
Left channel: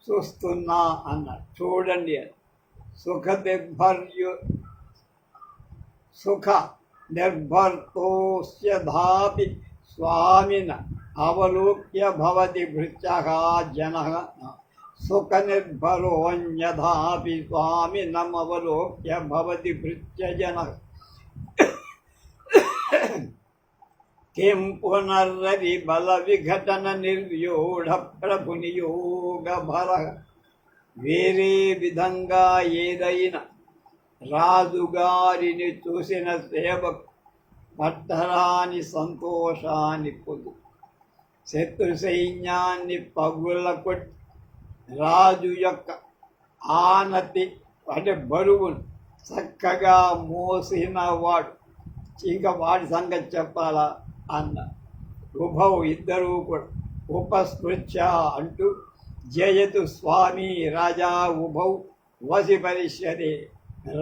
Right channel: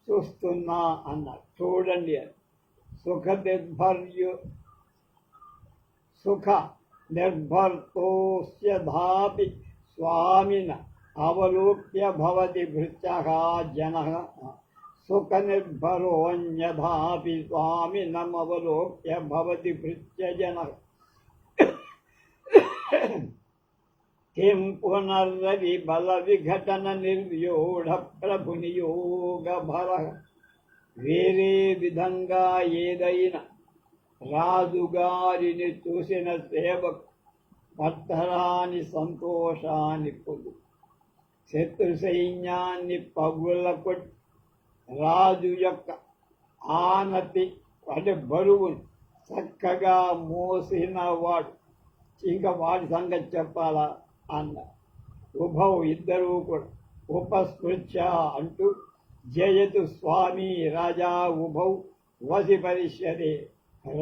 చూస్తున్నా అన్నాడు. చూడండి, సుఖ నిర్భర్తోస్యధాపి స్వామిన అవలోక్య భవతి భృత్యః జనః సుఖనిర్భరోన్యథాపి స్వామినమవలోక్య భవతి భృత్యజన కిం పునర్రవి బల విఘటన నిర్వ్యూఢ ప్రభునియోగ భర. వేరే విధంగా ఏదైనా రాజుగారిని చూసిన సేవకు పట్టరాని సంతోషాన్ని పొందు. శత్రు సైన్యాన్ని పగులకొట్టి రాజు యొక్క ఆనతి బరువును చక్కగా మోసిన వాడు. ఇంకా వాడి సంగతి చెప్పాలా అన్న. ఉభౌ ఇద్దరూ కూడా ఉపస్పృత్య అంటూ జయతు స్వామి రాజా ఉభౌ వసి పరిష్యతే.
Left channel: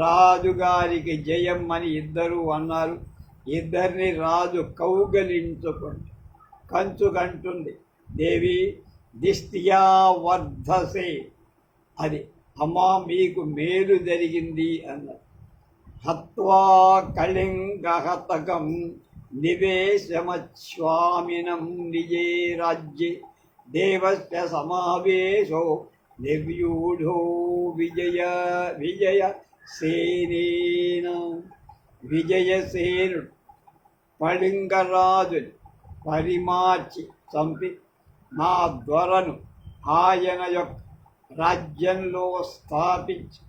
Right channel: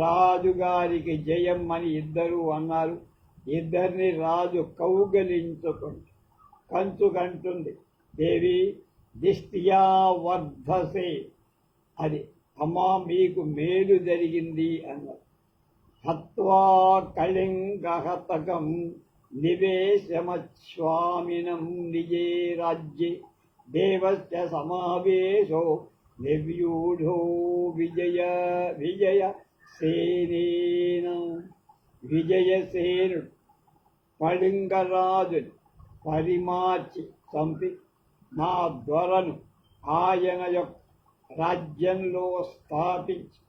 రాజుగారికి జయం అని ఇద్దరు అన్నారు. ఇద్దరిని రాజు కౌగలించుకుంది. కంచుకంటుంది, దేవి దిష్టియా వర్ధసే, అది అమ్మా మీకు మేలు జరిగింది అన్నారు. హత్వా కళింగహతకం నివేశమస్వామినం నిజే రాజ్యే దేవస్య సమావేశో నిర్వ్యూఢో విజయసేనేన. విజయసేనుడు కళింగరాజుని పరిమార్చి చంపి నా దొరను ఆయన యొక్క రాజ్యంలో స్థాపించి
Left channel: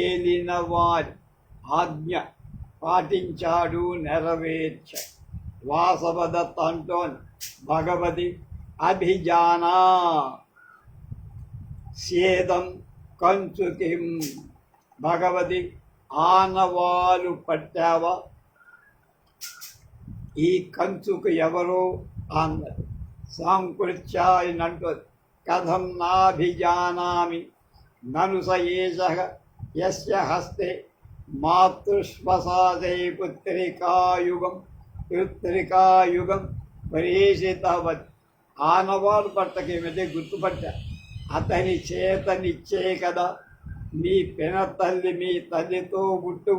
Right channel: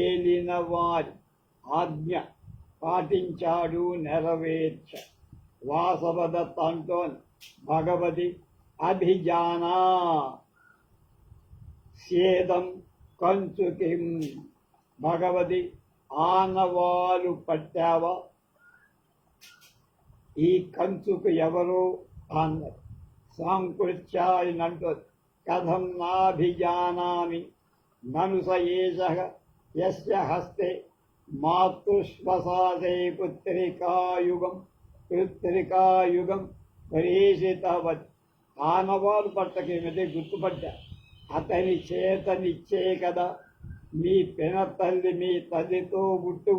ఏలిన వారి ఆజ్ఞ పాటించాడు, నెరవేర్చాడు. వాసవదత్త అంటోన్ భగవతి అభిజానా సేదం కంచుకిం. భగవతి ఆనవాలు పట్టావా, ఈ కంచుకు ఎవరు అన్నది. సాంకృత్యాయనంటుంది, కథం నాభిజానామి నను స ఏషః యస్య హస్తే మాతృశ్వసాదే పుత్రికాయుగం ప్రేషితవత్. ఆనవాలు పట్టకేమిటే గుర్తుపట్టా, అతని చేతనిచ్చే కదా మీ పినతల్లి, మీ తల్లితో బుట్టు,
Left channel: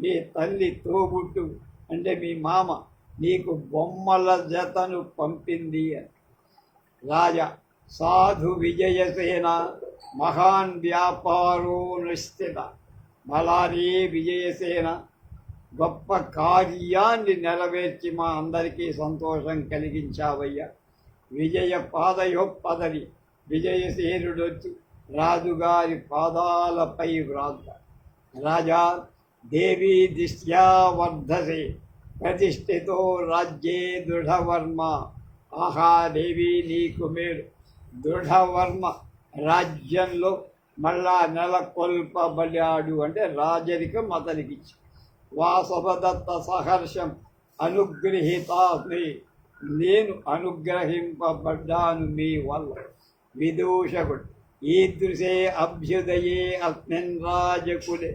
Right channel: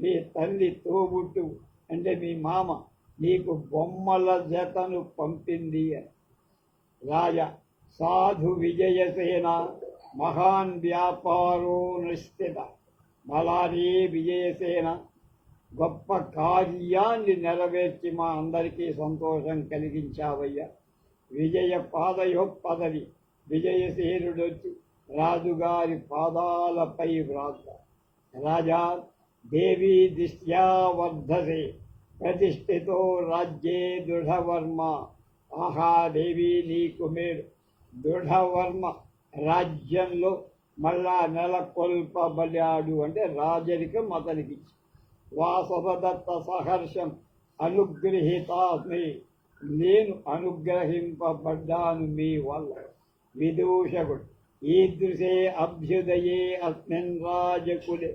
మీ తల్లి తోబుట్టు అంటే మీ మామ నీకు బొమ్మల జతను పంపింది అని. రాజా సాధు విజయసేన మహాన్ వ్యాపారో నిశ్చిత. బలారీ విజయసేన గొప్ప కార్యాన్ని నెరవేర్చి మా అందరికీ సంతోషం కలిగించావయ్యా. విజయ పాదయోపదరి. విజయసేనుడొచ్చి రాజుగారి పాదాలపై వ్రాత. రాజా దేవీ దిష్ట్యా వర్ధసే ప్రతిష్ఠితో రాజ్యే దృఢవర్మ. ఆహా దేవి నీకు మేలు, దృఢవర్మ రాజ్యంలో మళ్ళా నెలకొల్పబడాడు అంటే రాజరికం అతనికిచ్చి. వాసవదత్త సహర్షం అనుగృహీతాస్మి, నేను అనుగ్రహింపబడ్డాను మీ వల్ల. విదూషకుడు ఈదృశే అభ్యుదయే అస్మిన్ రాజకులే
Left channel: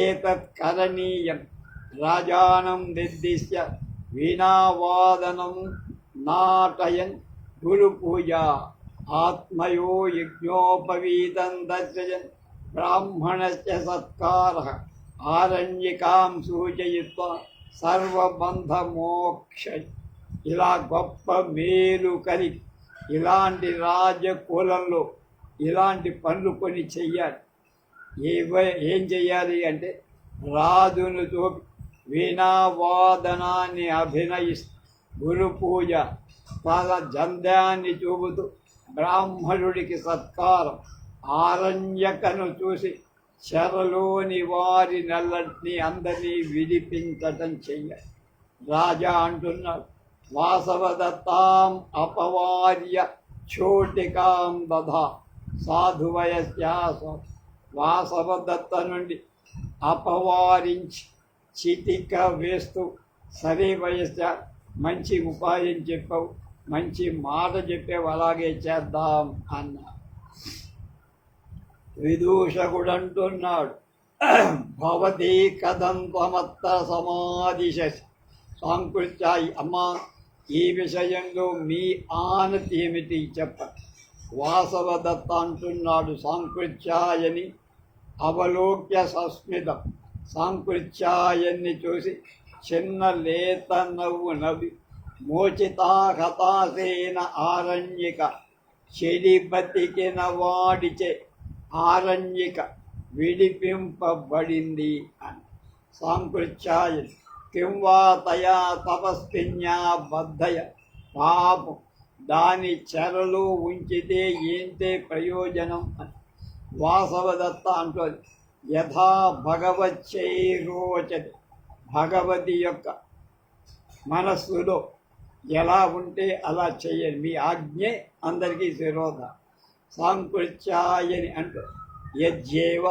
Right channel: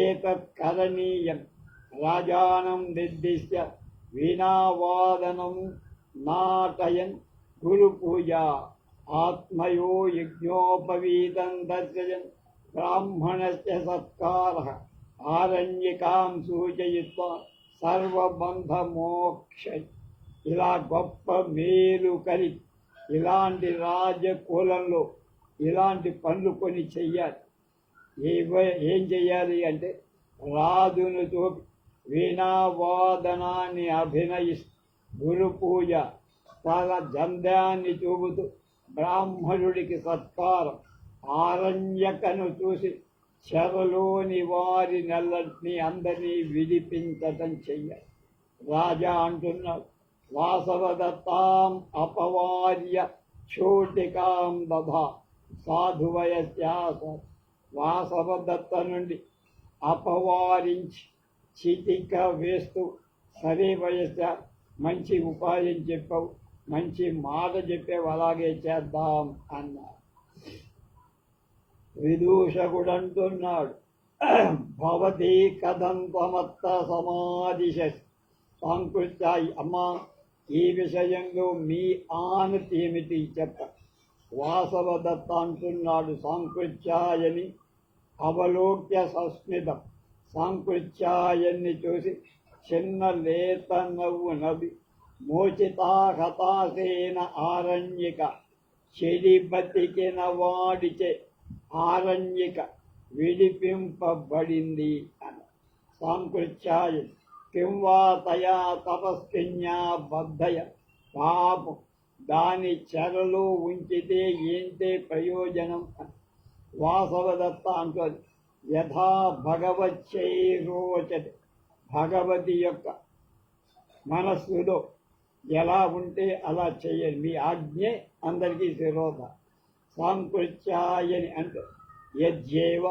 ఏతత్ కరణీయం. రాజానం నిర్దిశ్య వీణావాదనం నాటయన్ గురుపూజ. ఆత్మయో యజ్ఞోపవీతం దర్శయన్ బ్రాహ్మణస్య సత్కారః ఆరణ్యకాం సూచయిత్వా సర్వబంధమోక్ష. ఇలా గొప్ప మేలు కలిగి ఇలాంటి రాజకులంలో ఇలాంటి పనులు కొన్ని చెయ్యాలి. ఏం చెయ్యాలి అంటే రాజును చూపి వీణావాదనాన్ని అభినయిస్తూ, గురు పూజ తన జంధ్యాన్ని చూపుతూ బ్రాహ్మణుడికి సత్కారం, ఆరణ్యకను చూసి చెరలోని వారి నెల్లటిని అందరినీ విడిపించటం చెయ్యాలి. రాజా అంటున్నాడు, వాసవదత్తాం అపవార్య చోటికాం దధా సాధువయస్యాస. వాసవదత్త నుండి అపవారించి చితిక వేస్తూ, సరే వయస్య మంచి ఉపాయం చెప్పావు, మంచి మాట చెప్పావు, అలాగే చేద్దాం అన్నారు. విదూషకుడు అంటున్నాడు, భవతి కథం త్వమత్త సమాధిశసి. సాంకృత్యాయి, అమ్మా ఈ విషయంలో మీ ఆనతి ఏమిటి చెప్ప. వాసవదత్త అంటున్నాడు, సాంకృత్యాయని అవలోక్య సస్మితం. సాంకృత్యాయన్ని చూసి చిన్న లేత నవ్వు నవ్వి, మోచితా హతాసేన ఆరణ్యక చెడి బతికిన వాడిచే ఆరణ్యక విడిపింపబడింది అని. సాంకృత్యాయ కిం వా తయా తపస్విన్యా బద్ధయ పాపం దాని చెరలో ఉంచితే ఏంటే ప్రయోజనం అని. వాసవదత్త అంటుంది యథా భగవచ్చైరోచతి భగవతి యొక్క మనస్సులో ఎలా ఉంటే అలా చేయండి, మీ ఆజ్ఞే అందరికీ శిరోధ. సాంకృత్యాయని అంటే యజ్జేవ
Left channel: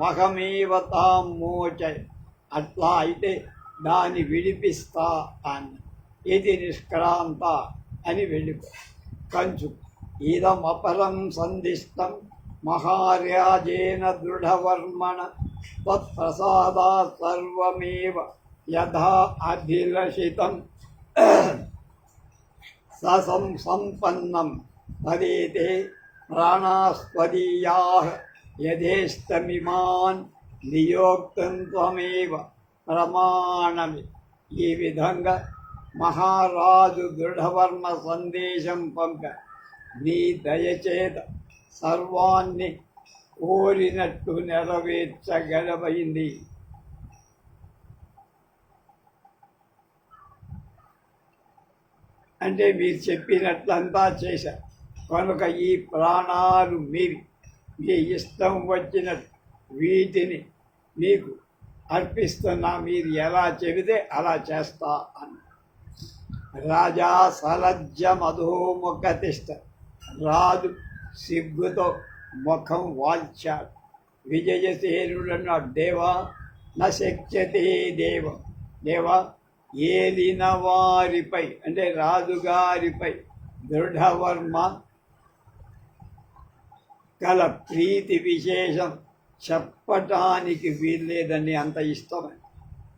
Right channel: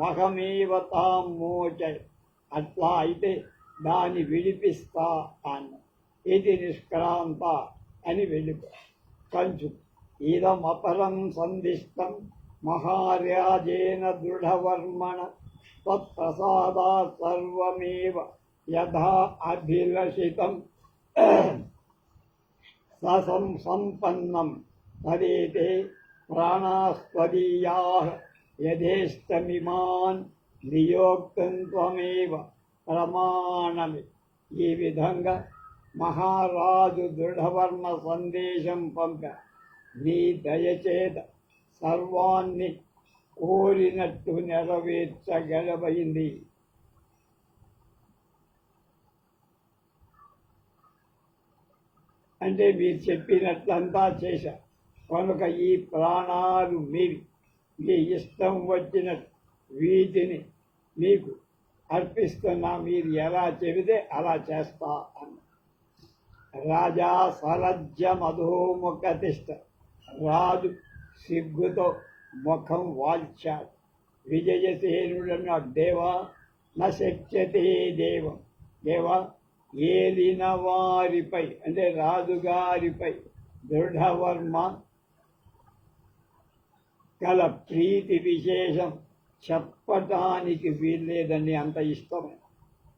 మహమేవ తాం మోచయ అట్లా అయితే దాన్ని విడిపిస్తా అన్న. ఇది నిష్క్రాంత అని వెళ్ళిపో. కంచు ఇదం అపరం సందిష్టం మహారాజేన దృఢవర్మణ తత్ప్రసాదాత్ సర్వమేవ యథా అభిలషితం సంపన్నం తదేతే ప్రాణాస్పదీయాః యథేష్టమిమాన్ నియోక్తం త్వమేవ ప్రమాణమి. ఈ విధంగా మహారాజు దృఢవర్మ సందేశం పంప నీ దయచేత సర్వాన్ని కోరినట్టు నెరవేర్చగలమైంది. అంటే మీరు చెప్పినట్లంతా చేశారు కనుక ఈ ప్రాణాలు మీవి, మీ ఇష్టం వచ్చినట్టు వీటిని మీకు అర్పిస్తున్నా, మీరు ఎలా చెబితే అలా చేస్తా అన్న. రాజా సలజ్జ మధోముఖతిష్ట రాజు సిగ్గుతో ముఖం వాల్చాడు. విజయసేనుడన్న దేవా నశక్యతే దేవం దేవా ఏలిన వారిపై అంటే రాజుగారిపై దృఢవర్మ కల ప్రీతి విశేషం చెప్పటానికి వీల్లేదని అంత ఇష్టమే.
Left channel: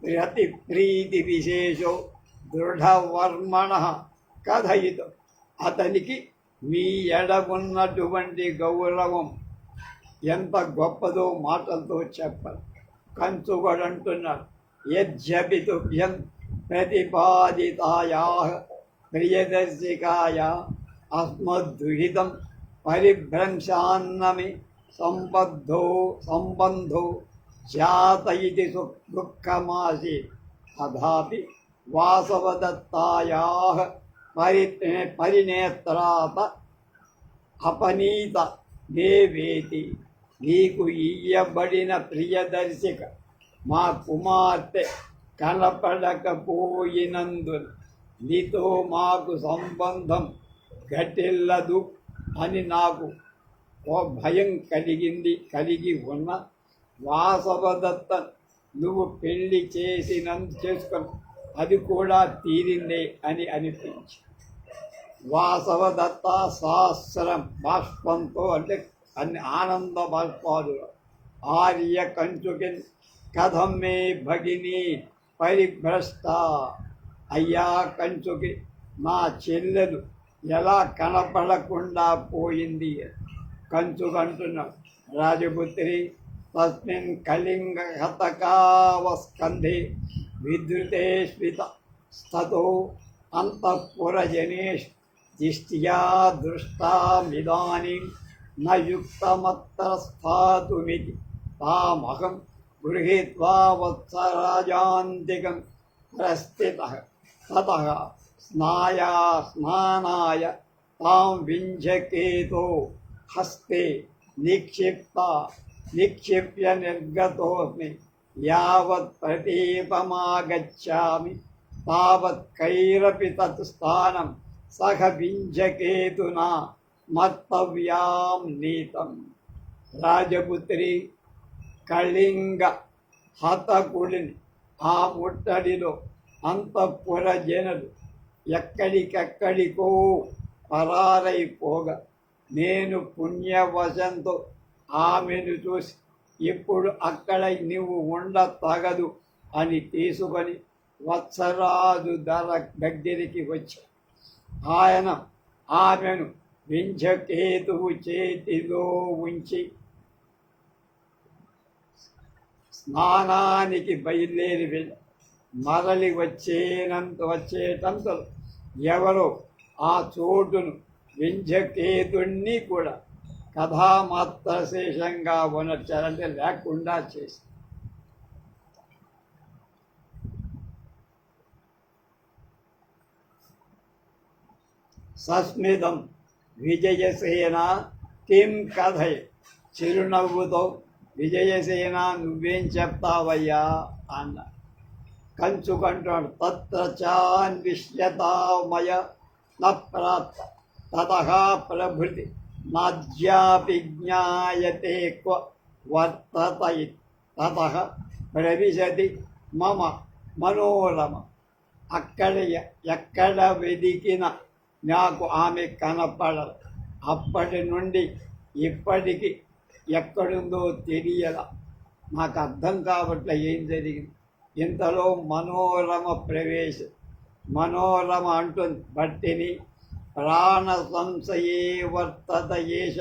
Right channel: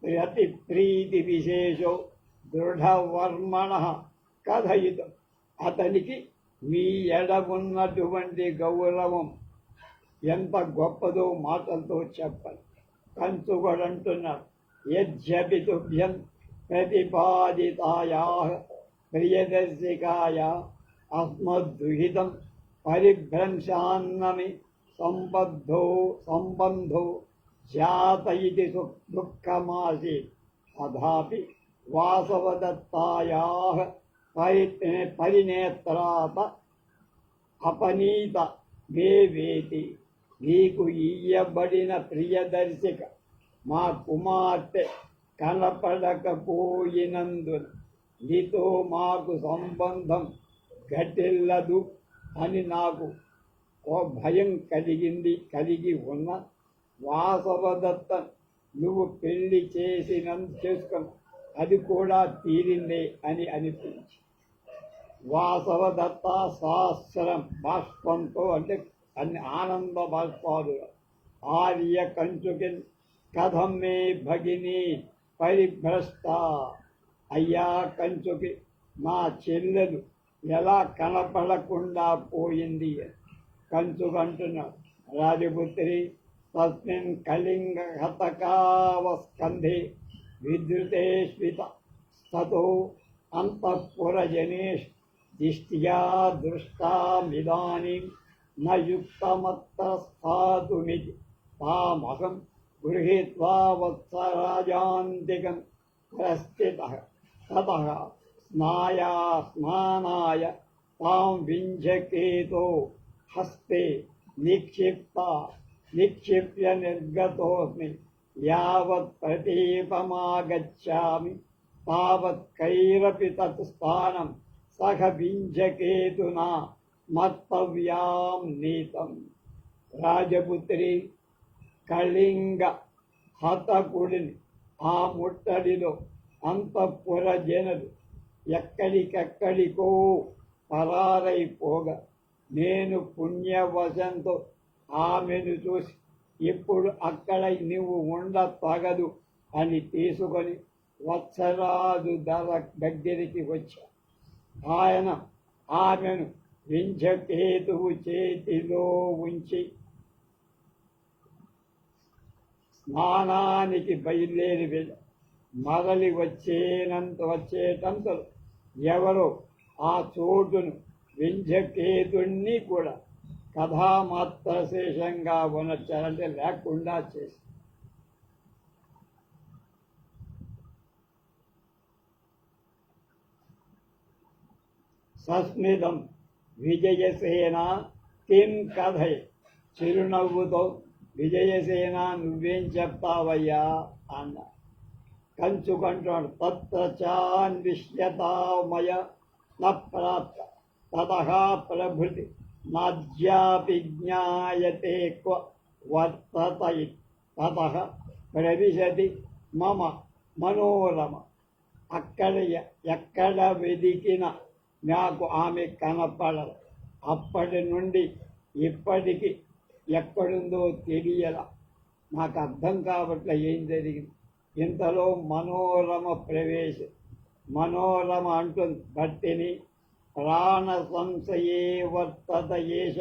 ప్రతి ప్రీతి విశేషో దృఢవర్మణ కథయితం అతనికి మీ ఎడగున్నటువంటి గౌరవం ఎంత గొప్పదో మాటలతో చెప్పాలి. కంచుగడంటున్నాడు యజ్జపితుభ్యం ప్రతిపాదితాయా ప్రియదర్శికాయ అస్మద్దుహితం పరిభ్రంశాన్నమి సంబంధో జాత ఇది దుఃఖమాసి తథాపి వాసవదత్తాయా పరినేత్రాత అపనీత మే వేతి. నీకు ఇయ్యబడిన ప్రియదర్శిక మా కుమార్తె కనపడకపోయినందున నీతో మాకు సంబంధం ఘటిల్లదు అని నాకు ఓ భయం కలిగి ఉన్న వాసవదత్త నువ్వు పెళ్లి చేసుకొని అది కూడా తీరిందే అని అనిపించి వాసవదత్త సహస్రం బాష్పంతో అంటే అన్ని ఆనంద బాష్పాలు ఆర్య కంచుకిన్ కథం మే భగిని పరిభ్రష్ట. అయ్యా కంచుకి నా చెల్లెలు ఎలా కనపడకుండా పోయింది. కంచుకంటున్నాడు రాజపుత్రి తస్మిన్ కళింగ హతకావస్కంధే విద్రుతే స్మిత స్థతో అంతఃపురజనేష్ దిష్ట్యా దృష్టామిదానీం న యుక్తమత్ర స్థాతుమితి తామహం గృహీత్వా వత్సరాజాంతికం ప్రస్థితః తతః స్నానాయ తాం వింజకేతో హస్తే నిక్షిప్య నిర్గతోస్మి యావత్ ప్రతీపమాగచ్చామి తావత్ కైరపి తత్ స్థానం సహ వింజకేతునా మత్తవ్యాం నీతం. రాజపుత్రి కళింగ హతకుడిని ఆ ముట్టడిలో అంతఃపుర జనులు ఎక్కడికెక్కడికో పరారైపోగా నేను పుణ్యవశంతో ఆమెను చూసి ఇప్పుడు అక్కడ నువ్వు ఉండతగదు అని తీసుకొని వత్సరాజు దగ్గరికి వచ్చా. ఆయన ఆమెను వింధ్యకేతువు చేతిలో ఉంచి స్నానానికి బయలుదేరి వెళ్ళి మరలి వచ్చేటంతలో ఎవరో ఆ చోటును వింధ్యకేతుణ్ణి కూడా కథామాత్ర శేషంగా ఉన్నట్టే లేకుండా చేసి సస్మితం విజయసేన కిం కథయ్, చిరునవ్వుతో విజయసేన నువ్వేం చెప్తావయ్యా అన్న. కంచుకంటాడు తత్ర చాన్విష్యతామయ నప్రాప్త తతః ప్రభృతి నాద్యాపి జ్ఞాయతే క్వ వర్తత తతః ప్రవిశతి మమ మనోరమ. ఎక్కడ వెదికిన నాకు ఆమె కనపడదు. అప్పటి నుండి ఇప్పటికి ఎక్కడుందో తెలియల. నాకు అర్థం కావట్లే ఏం జరిగింది. ఇంతలో మనోరమ ప్రవేశం. మనోరమ అంటుంది భట్టిని, ప్రాణ సంశయే వర్తత ఏష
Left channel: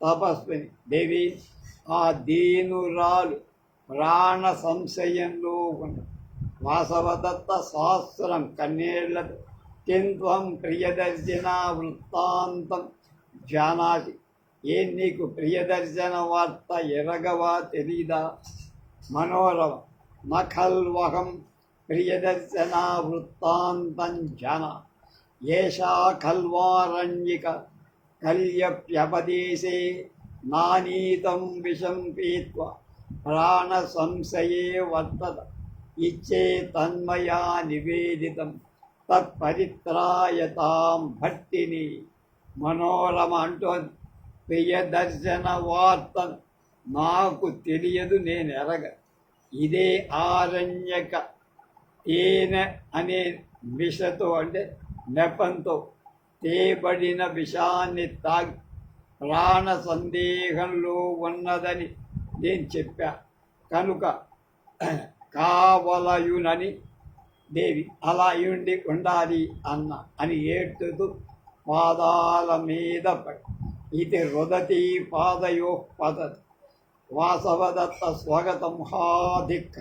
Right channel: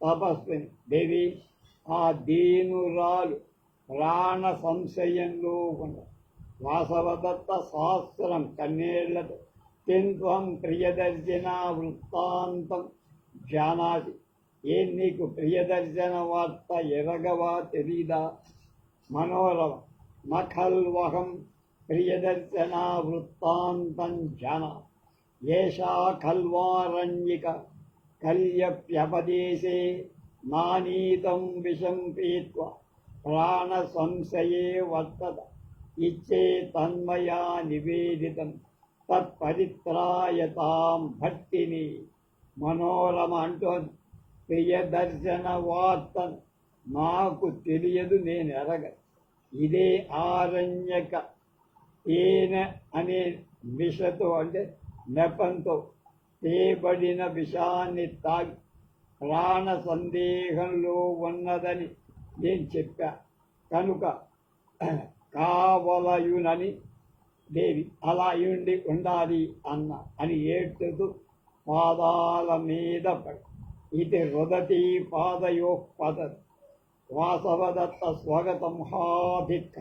తపస్విని. దేవి, ఆ దీనురాలు ప్రాణ సంశయంలో ఉన్న వాసవదత్త శాస్త్రం కన్నేళ్లతో కింత్వం ప్రియదర్శన వృత్తాంతం జానాసి. ఏం నీకు ప్రియదర్శన వార్త ఎరగవా, తెలీదా? మనోరమ నఖల్వహం ప్రియదర్శన వృత్తాంతం జన ఏషా ఖల్వారణ్యిక కల్యప్యపదేశే నానీతం విషం పీత్వా ప్రాణ సంశయే వర్తత ఇచ్చే తన్మయా నివేదితం తత్పరిత్రాయతాం భట్టిని. మనోరమ అంటోంది, ప్రియదర్శన వార్త నాకు తెలియదు, నేను ఎరగ. ఇదే ఆరణ్యక తేనె అనే విషతో అంటే నెపంతో తేబడిన విషాన్ని తాగి ప్రాణ సందేహంలో ఉన్నదని నేను చెప్పా కనుక కావలయునని దేవి అలా ఉండి ఉండాలి అన్న అని ఏడ్చుతూ పాదాల మీద పడి ఇది రుదతి పాదయో పదతి. వాసవదత్త స్వగతం హాదిక్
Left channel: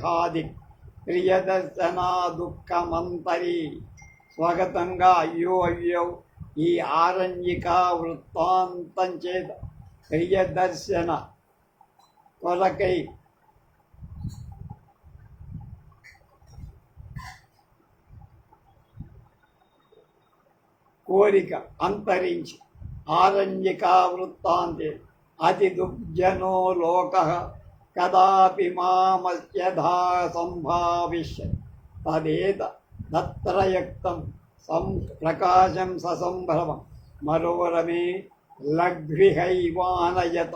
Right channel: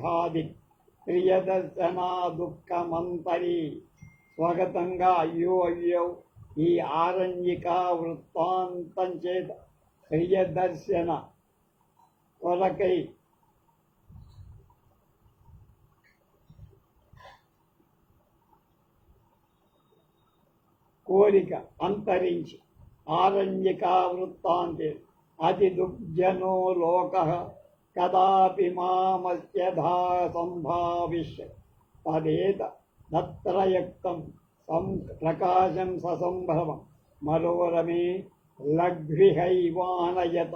ప్రియదర్శన దుఃఖమంతరి. స్వగతంగా అయ్యో అయ్యో ఈ ఆరణ్యిక వృత్తాంతం చేత ప్రియదర్శన కొరకై కోరిక అంతరించి ఆరణ్యికా వృత్తాంతే అతి దుర్జనో లోక కదాపి మామస్యధా సంభావిష్య తదేత దత్రయుక్తం ప్రకాశం ససంభ్రమం మనోరమే లఘ్విహైవానయత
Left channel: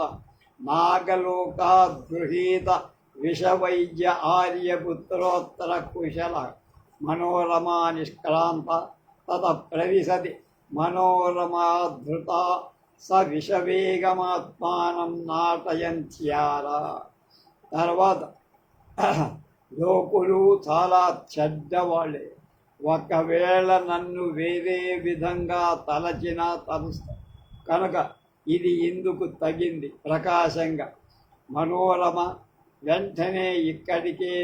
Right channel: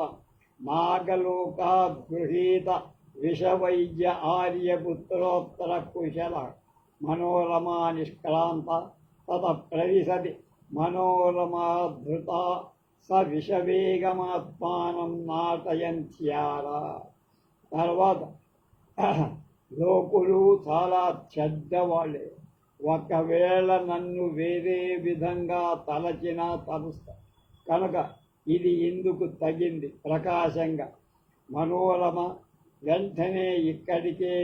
నాగలోకాద్ గృహీత విషవైద్య ఆర్యపుత్రోత్తర కుశల మనోరమా నిష్క్రాంత తత ప్రవిశతి మనోరమాధృత స విషవేగమాత్మానం నాటయంత్యారా. తర్వాత లోకులు చాలా చెడ్డవాళ్ళే. ఒకవేళ నన్ను వేరే విధంగా తలచినా తలుస్తా కనుక ఇది ఇందుకు తగింది ప్రకాశంగా. మనోరమ వెంటనే ఇక్కడికే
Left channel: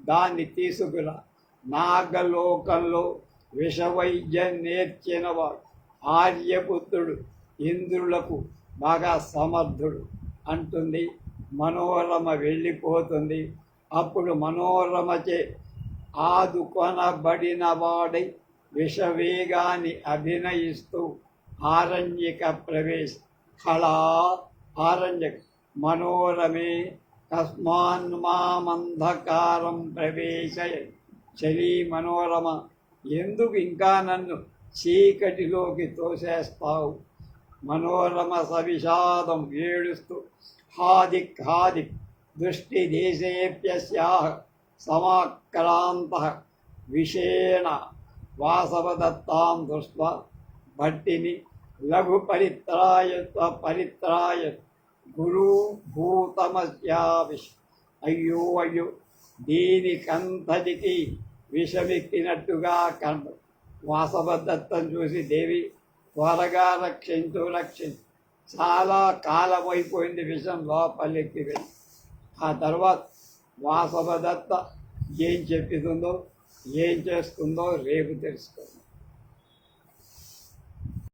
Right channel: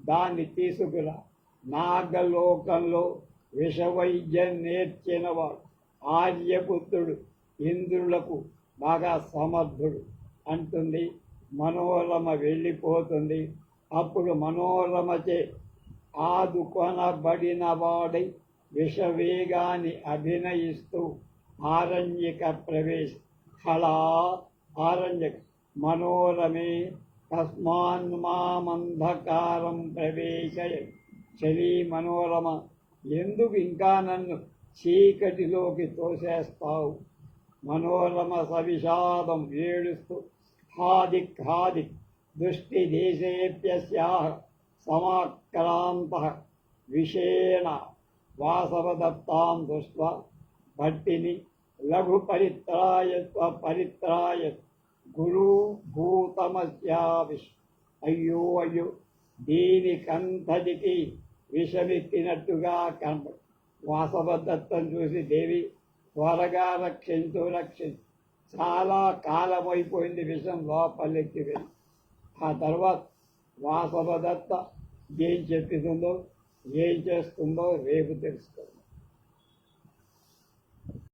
దాన్ని తీసుకురా. నాగలోకంలో విషవైద్యం నేర్చినవాడు ఆర్యపుత్రుడు, ఇంద్రులకు బాగా సమర్థుడు అంటుంది. మనోరమ వెళ్ళిపోతుంది. అప్పుడు మనోరమచే ఆదుకొనబడిన వాడై విషవేగాన్ని అభినయిస్తూ ఆరణ్యక ప్రవేశ హళా ఆరణ్యక మనోరమే కస్మాన్మామంధకారం ప్రవేశయ. చలి మనోరమ, ఎందుకు ఇంకా నన్ను చీకటిలోకి తోసేస్తావు? మనోరమ సవిషాదం ఏడుస్తూ హాదిక్ దృష్టి దేశేప్యస్యాః సమాక్రాంతః విషేణ వాసవదత్తాం దృష్ట్వా భట్టిని లఘు పరిత్రాయ గురు భూతమస్యావిష్. అయ్యో అయ్యో, దీనికంతటికి విషమెక్కినట్టుగా కనప. వాసవదత్తం చూసి దేవి త్వరగా రక్షించు. చాలా కాలం అయిపోయింది, విషం లోపలికి వెళ్ళి. ఆ తర్వాత వాసవదత్త ఏం చెప్తుందో ఏం చేస్తుందో రేపు తెలుసుకోండి.